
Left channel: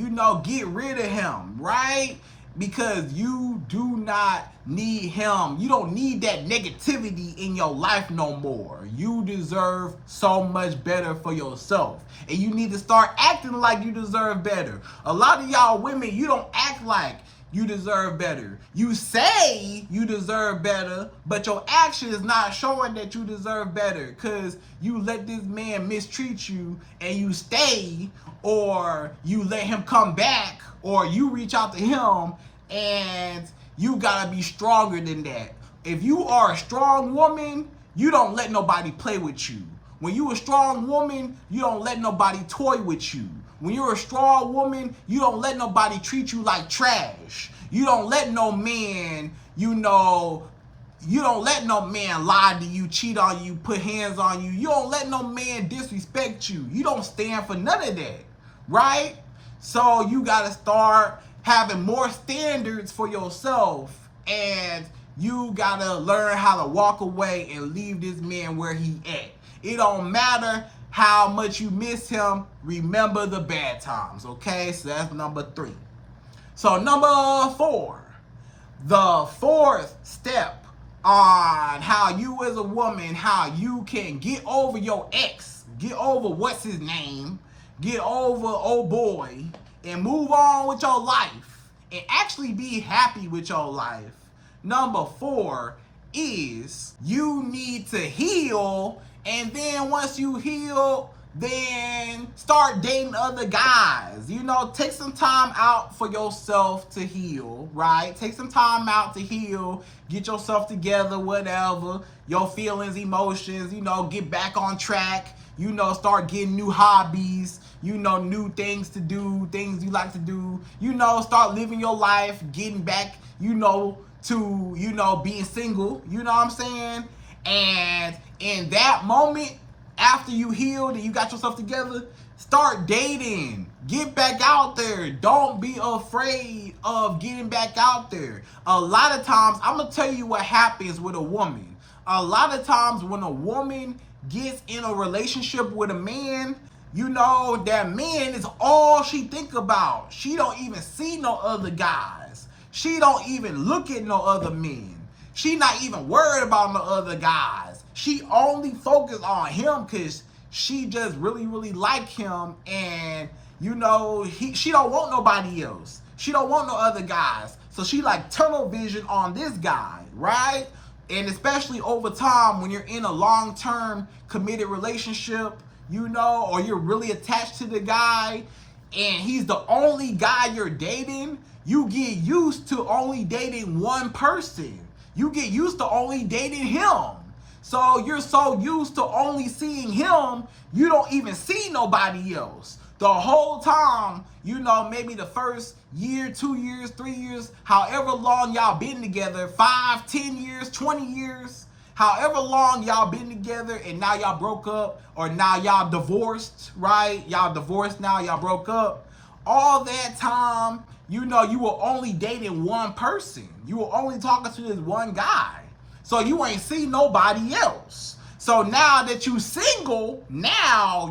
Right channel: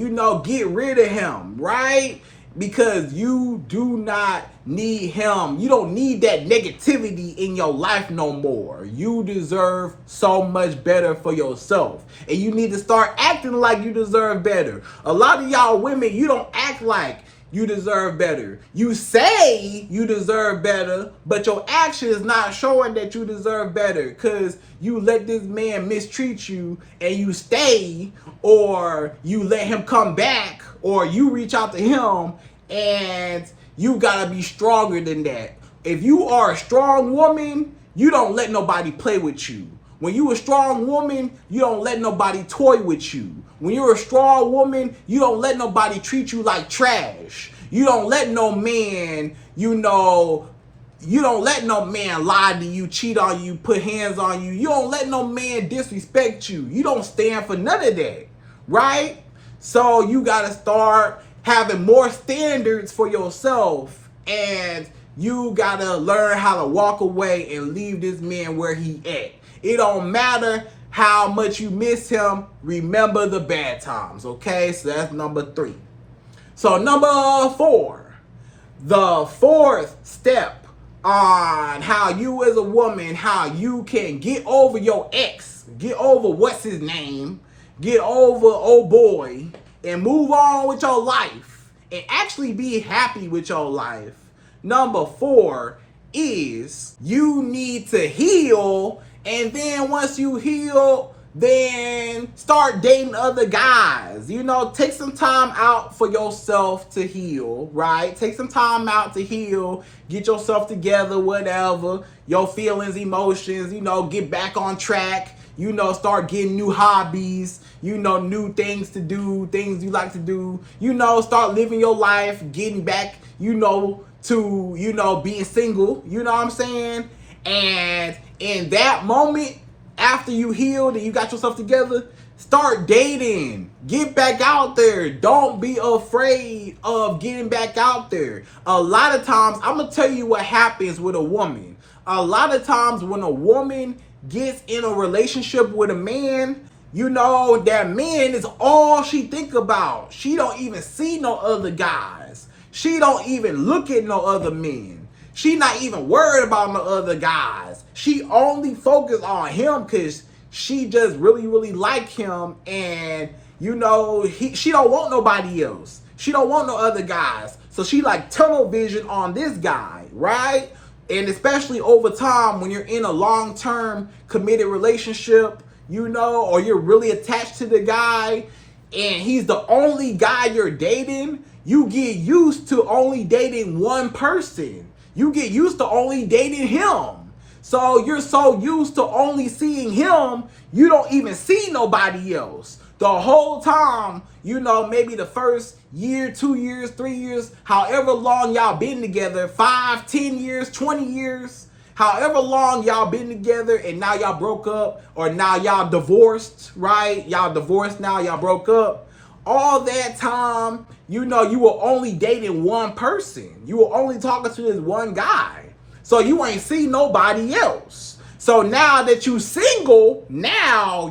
Get rid of him, right? Because you do not need him. You don't need that negativity in your life no more. You deserve so much better for yourself. And you need to start acting like you deserve better. A lot of y'all women, you don't act like you deserve better. You say you deserve better, but your action is not showing that you deserve better, because you let this man mistreat you and you stay, or you let him come back, or you reach out to him, and you gotta be stronger than that. If you are a strong woman, you don't let nobody play with you. When you're a strong woman, you don't let nobody toy with you. When you're a strong woman, you don't let nobody treat you like trash. You don't let no man, you don't let no man lie to you, cheat on you, put hands on you. You don't let no man disrespect you. You don't stand for none of that, right? So you got to start having more standards for yourself, and you got to learn how to walk away and leave this man where he at. It don't matter how much you miss him. Remember the bad times, okay? So that's number 3. So number 4, the fourth step on how you as a woman, how you can get over your ex, get over what's his name, get over old boy, and move on with your life and actually be happy with your life. Number 4 is you need to heal. And then once you heal, then start dating other guys. Take some time out for yourself to heal, right? Take some time out to heal, get yourself together, whatever, your feelings, emotions, get back on track, start getting new hobbies, new things to do, things you like to do, start living your life, getting back, to, being single, you know what I'm saying? And in that moment, after you healed and you got yourself together, start dating. Get back out there. Don't be afraid of getting back out there. A lot of times, I'm going to tell you what happens with a woman. A lot of times when a woman gets in a relationship with a man, that man is all she think about. She don't even see no other guys. She don't even look at no other men. She not even worried about no other guys. She only focus on him because she just really, really like him. And, she don't want nobody else. She don't want no other guys. So she like tunnel vision on this guy, right? And especially over time when you're in a long-term committed relationship, or you're really attached to the guy and he's the only guy you're dating, you get used to only dating one person. You get used to only dating him. So you're so used to only seeing him, you don't even see nobody else. The whole time, you know, maybe the first year, 2 years, 3 years, however long y'all been together, 5, 10 years, 20 years, however long y'all been together, and now y'all broke up, or now y'all divorced, right? Y'all divorced now, y'all broke up. All that time, you know, you were only dating one person. You were only talking to this one guy. So you ain't see nobody else. So now that you single, right?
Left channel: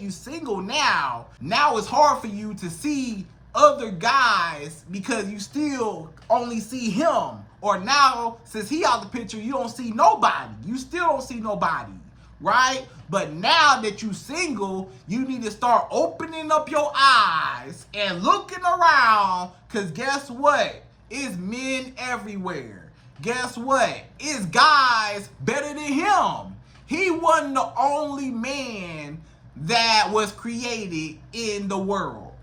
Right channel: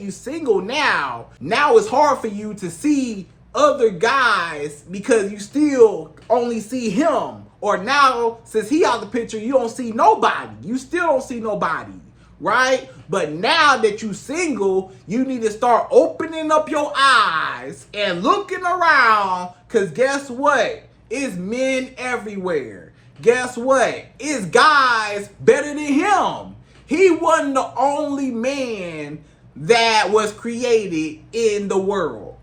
You single now. Now it's hard for you to see other guys because you still only see him. Or now, since he out the picture, you don't see nobody. You still don't see nobody, right? But now that you single, you need to start opening up your eyes and looking around, because guess what? It's men everywhere. Guess what? It's guys better than him. He wasn't the only man that was created in the world.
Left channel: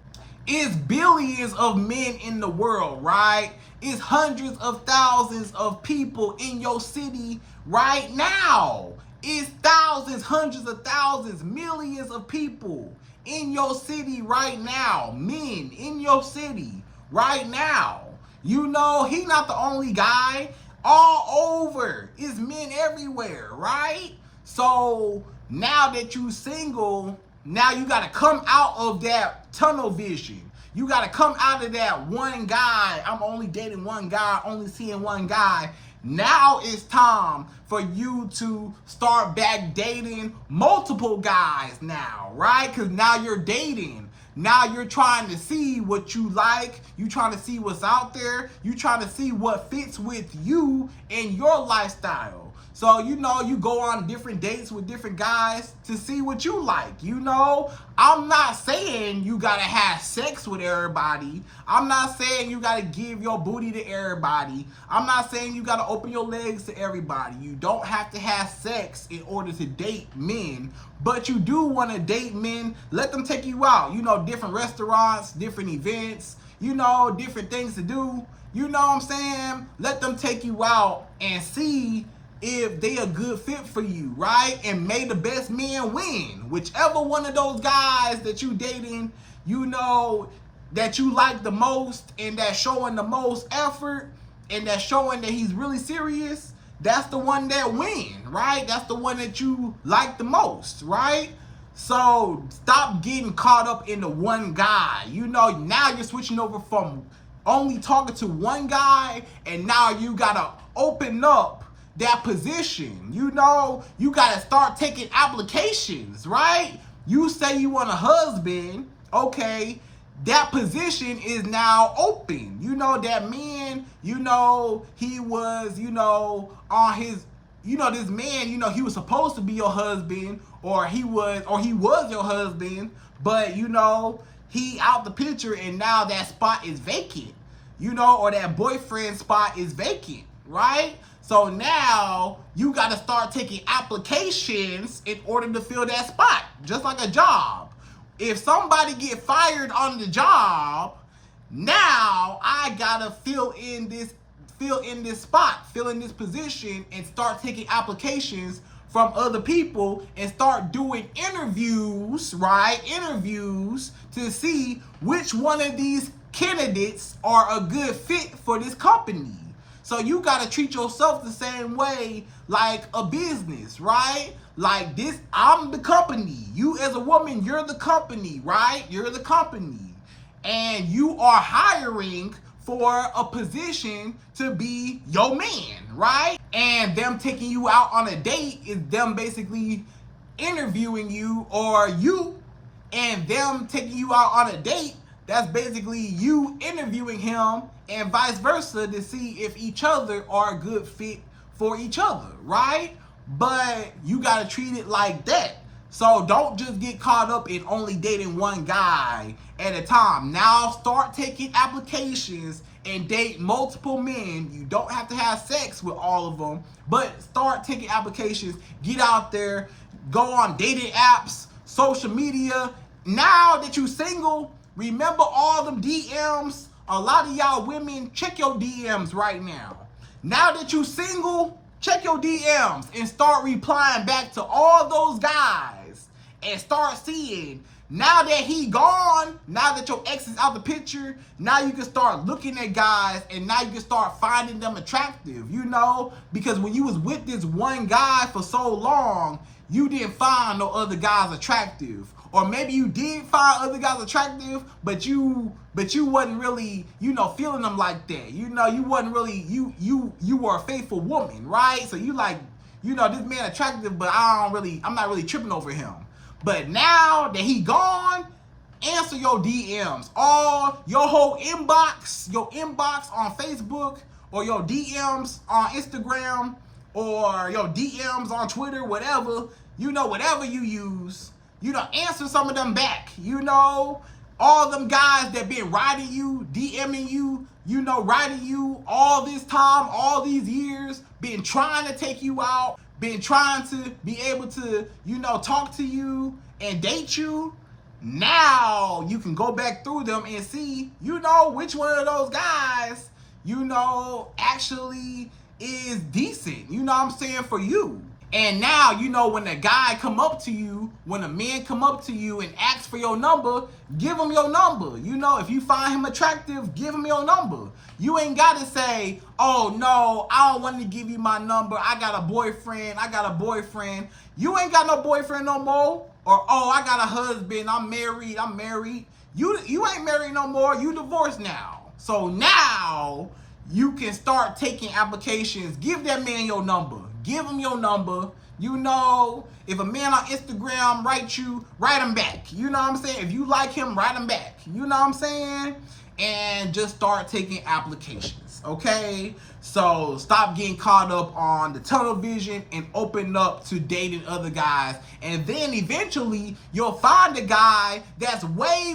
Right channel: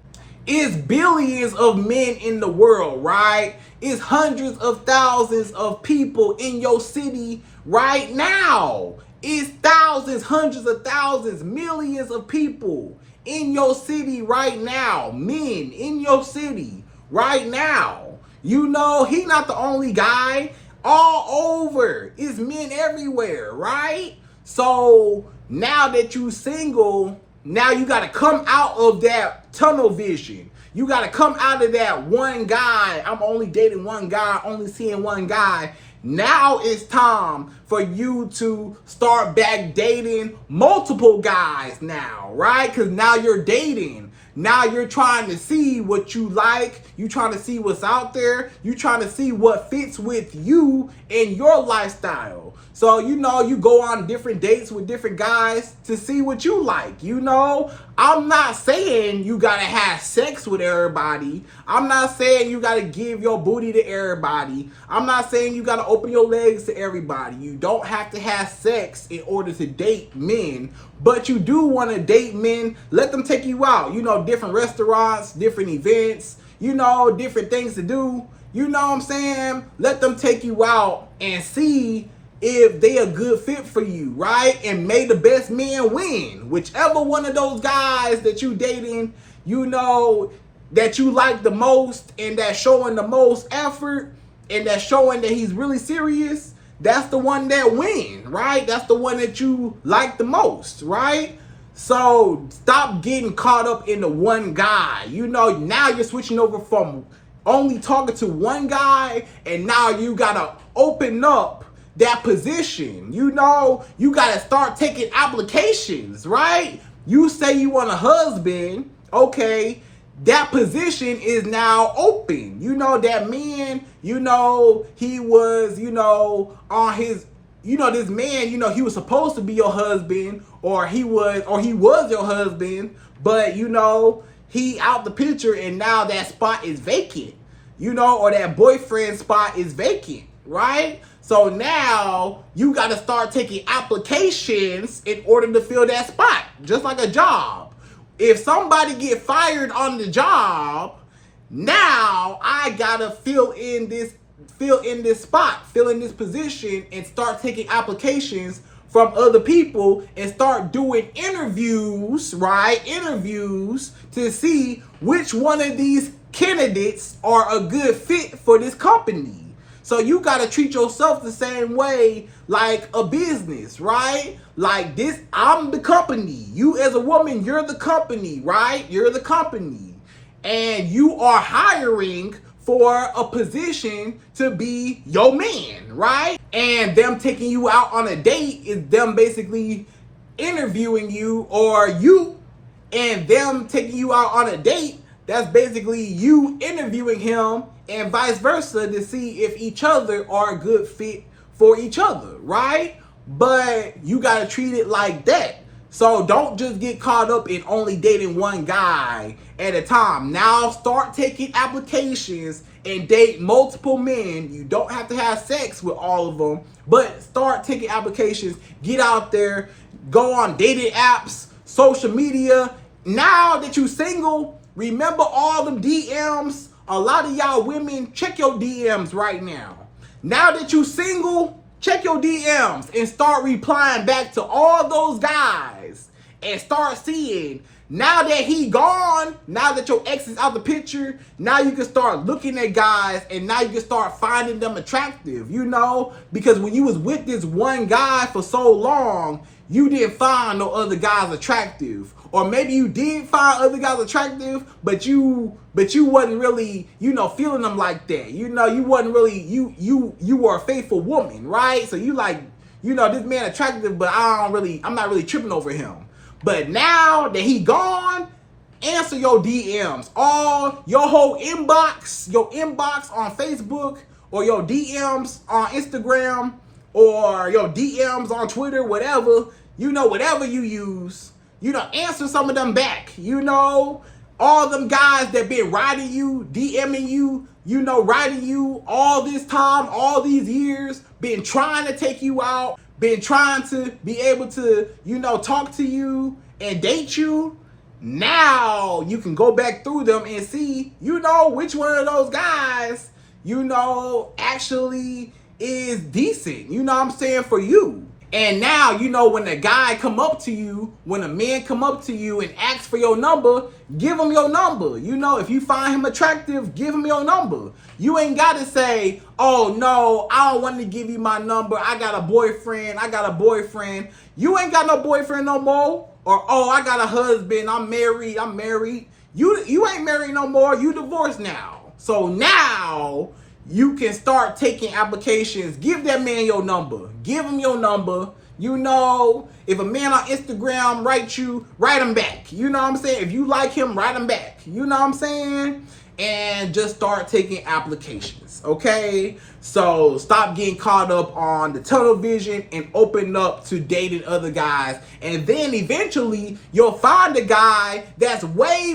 It's billions of men in the world, right? It's hundreds of thousands of people in your city right now. It's thousands, hundreds of thousands, millions of people in your city right now. Men in your city right now. You know, he not the only guy. All over. It's men everywhere, right? So now that you single, now you got to come out of that tunnel vision. You got to come out of that one guy. I'm only dating one guy, only seeing one guy. Now it's time for you to start back dating multiple guys now, right? Because now you're dating. Now you're trying to see what you like. You trying to see what's out there. You trying to see what fits with you and your lifestyle. So, you know, you go on different dates with different guys to see what you like. You know, I'm not saying you got to have sex with everybody. I'm not saying you got to give your booty to everybody. I'm not saying you got to open your legs to everybody. You don't have to have sex in order to date men. But you do want to date men. Let them take you out. You know, different restaurants, different events, you know, different things to do. You know what I'm saying? Let them take you out and see if they a good fit for you, right? And may the best man win. Whichever one of those guys that you dating, you know, that you like the most and that's showing the most effort and that's showing that he's really serious, that's the one that win, right? That's the one that you like the most, right? So stop getting caught up in the one guy. You know, now you're switching over from only talking to one guy, and now you gotta open up that position. You know, you gotta start taking applications, right? You say you want a husband, okay, that position is now open. You know, that man, you know, he was, you know, on his, you know, this man, you know, he was supposed to be your husband, or he was your husband, but you know, he out the picture and now that spot is vacant, you know, or that boyfriend spot is vacant, right? So now you got to start taking applications in order to fill that spot, just like a job. If somebody get fired on the job, now I got to fill in this spot, fill in this position, and start taking applications from other people and start doing interviews, right? Interviews to see which one of these candidates are a good fit for this company. So you got to treat yourself the same way like a business, right? Like this, I'm the company. You as a woman, you're the company, right? You're the company. And you are hiring for a position to be your man, right? And them taking you out on a date is them basically interviewing you, or you and them taking you out on a date, that's basically you interviewing him, and vice versa, to see if each other are a good fit for each other, right? But you gotta treat it like that. So don't just get caught up in only dating one guy at a time. Now start taking applications and date multiple men. You don't have to have sex with all of them, but start taking applications. Get out there, go on dating apps, social media. Now that you single, remember all them DMs. A lot of y'all women, check your DMs right now. Now that you single, check your DMs and start replying back to all those guys and start seeing, now that he gone, now that your ex is out the picture, now you can start looking at guys and now you can start finding them attractive, you know? Because when you was with this one guy for so long, you didn't find no other guys attractive. Or maybe you did find other guys attractive, but you wasn't really, you know, feeling them like that. You know, you wasn't really, you were a faithful woman, right? So you like, you know, this man attractive, but I'm not really tripping over him. But now that he gone, answer your DMs. All your whole inbox, on Facebook, or your DMs on Instagram, or your DMs on Twitter, whatever, you know, whatever you use, you know, answer some of them back. You know, all them guys that been writing you, DMing you, you know, writing you all this time, all these years, been trying to take you out, been trying to be able to, you know, talk to you and date you. Now you can go back through them and see, you know, which one of those guys, you know, actually is decent, you know what I'm saying, for you. And now, you know, when a guy come up to you, when a man come up to you and asks for your number, give him your number. You know, if you find him attractive, give him your number. You ain't got to say, oh, no, I don't want to give you my number. I got a boyfriend. You ain't got no boyfriend no more. Or, oh, I got a husband. I'm married. You ain't married no more. You divorced now. So now you can start taking applications. Give that man your number. Give him your number. You know, if a man on Instagram writes you, write him back. You know what I'm saying? If you like him, write him back. You know what I'm saying? And just start taking applications, okay? So stop getting caught up on the tunnel vision and open up to dating other guys. And then eventually you'll find a guy that's way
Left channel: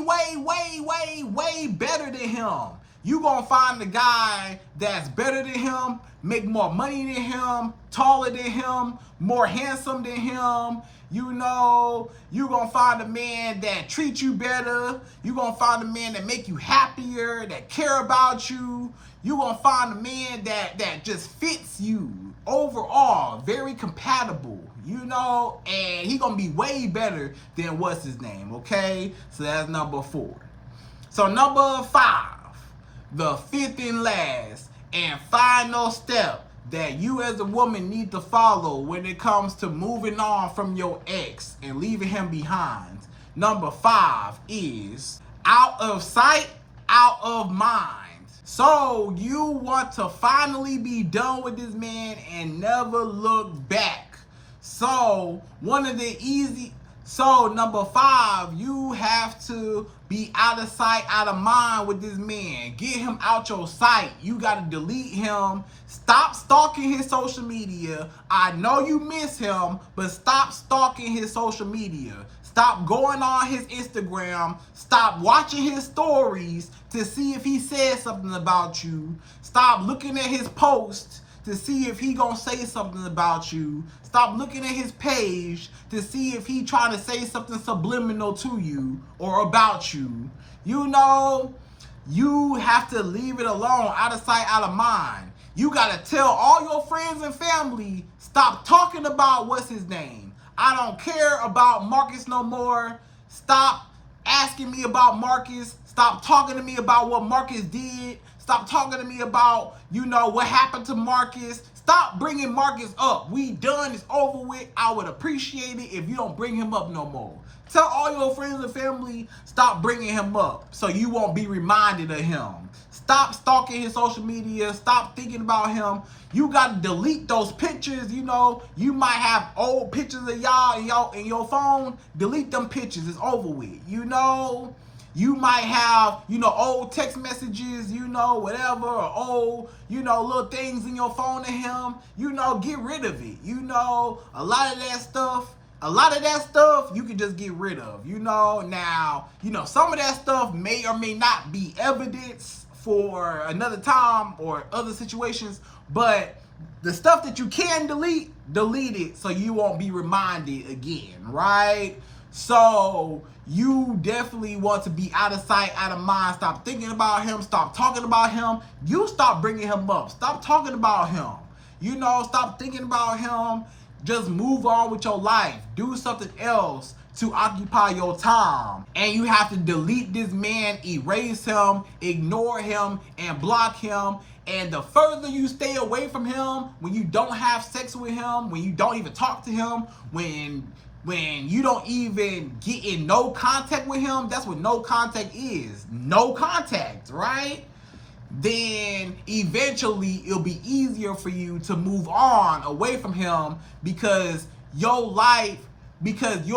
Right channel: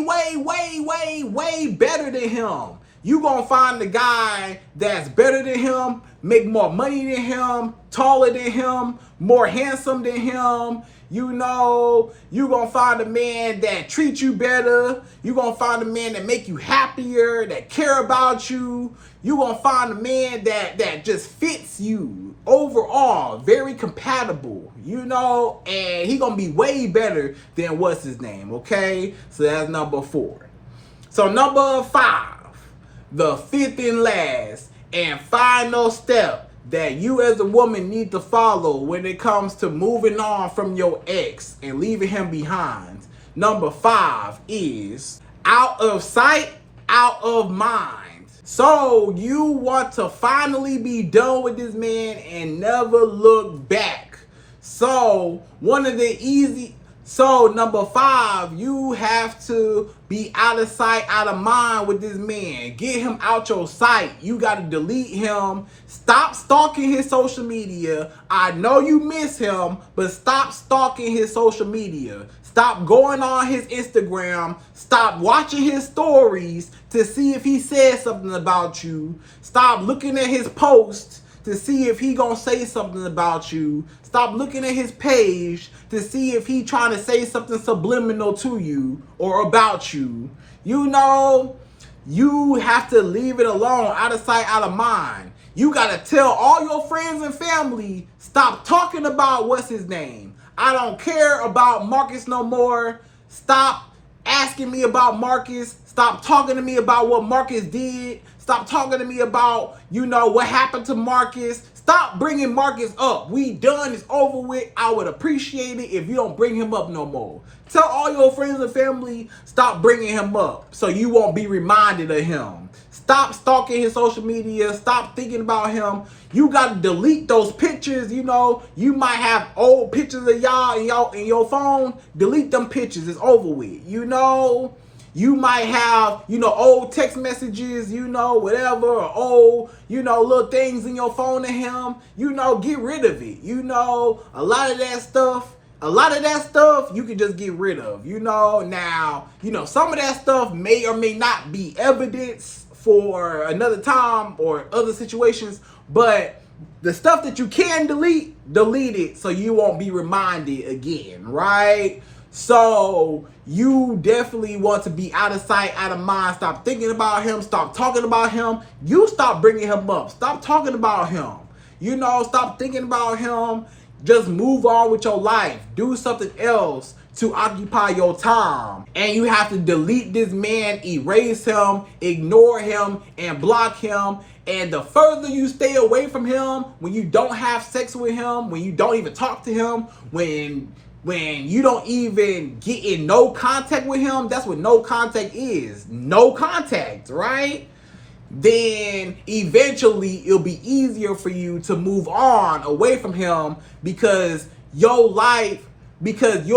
better than him. You gonna find the guy that's better than him, make more money than him, taller than him, more handsome than him. You know, you gonna find a man that treats you better. You gonna find a man that make you happier, that care about you. You gonna find a man that just fits you overall, very compatible, you know, and he gonna be way better than what's his name, okay? So that's number 4. So number 5. The fifth and last and final step that you as a woman need to follow when it comes to moving on from your ex and leaving him behind. Number 5 is out of sight, out of mind. So you want to finally be done with this man and never look back. So number 5, you have to be out of sight, out of mind with this man. Get him out your sight. You got to delete him. Stop stalking his social media. I know you miss him, but stop stalking his social media. Stop going on his Instagram. Stop watching his stories to see if he says something about you. Stop looking at his posts to see if he gonna say something about you. Stop looking at his page to see if he trying to say something subliminal to you or about you. You know, you have to leave it alone, out of sight, out of mind. You gotta tell all your friends and family, stop talking about what's his name. I don't care about Marcus no more. Stop asking me about Marcus. Stop talking to me about what Marcus did. Stop talking to me about, you know, what happened to Marcus. Stop bringing Marcus up. We done. It's over with. I would appreciate it if you don't bring him up no more. Tell all your friends and family, stop bringing him up so you won't be reminded of him. Stop stalking his social media. Stop thinking about him. You got to delete those pictures. You know, you might have old pictures of y'all in your phone. Delete them pictures. It's over with. You know, you might have, you know, old text messages, you know, whatever, or old, you know, little things in your phone to him. You know, get rid of it. You know, a lot of that stuff you can just get rid of. You know, now, you know, some of that stuff may or may not be evidence for another time or other situations, but the stuff that you can delete it so you won't be reminded again, right? So you definitely want to be out of sight, out of mind. Stop thinking about him. Stop talking about him. You stop bringing him up. Stop talking about him. You know, stop thinking about him. Just move on with your life. Do something else to occupy your time. And you have to delete this man, erase him, ignore him, and block him. And the further you stay away from him, when you don't have sex with him, when you don't even talk to him, when you don't even get in no contact with him, that's what no contact is. No contact, right? Then eventually it'll be easier for you to move on away from him because you'll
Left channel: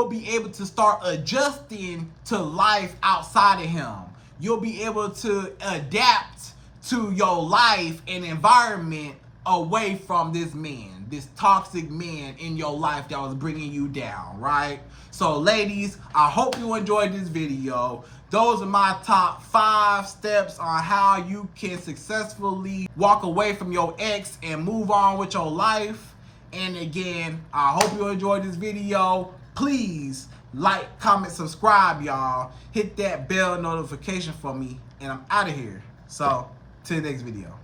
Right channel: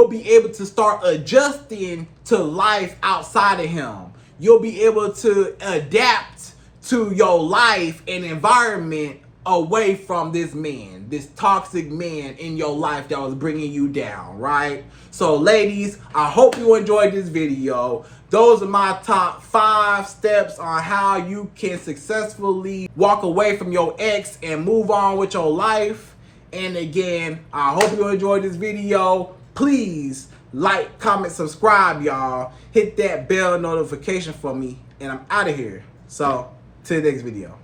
be able to start adjusting to life outside of him. You'll be able to adapt to your life and environment away from this man, this toxic man in your life that was bringing you down, right? So ladies, I hope you enjoyed this video. Those are my top 5 steps on how you can successfully walk away from your ex and move on with your life. And again, I hope you enjoyed this video. Please like, comment, subscribe, y'all. Hit that bell notification for me, and I'm out of here. So, till the next video.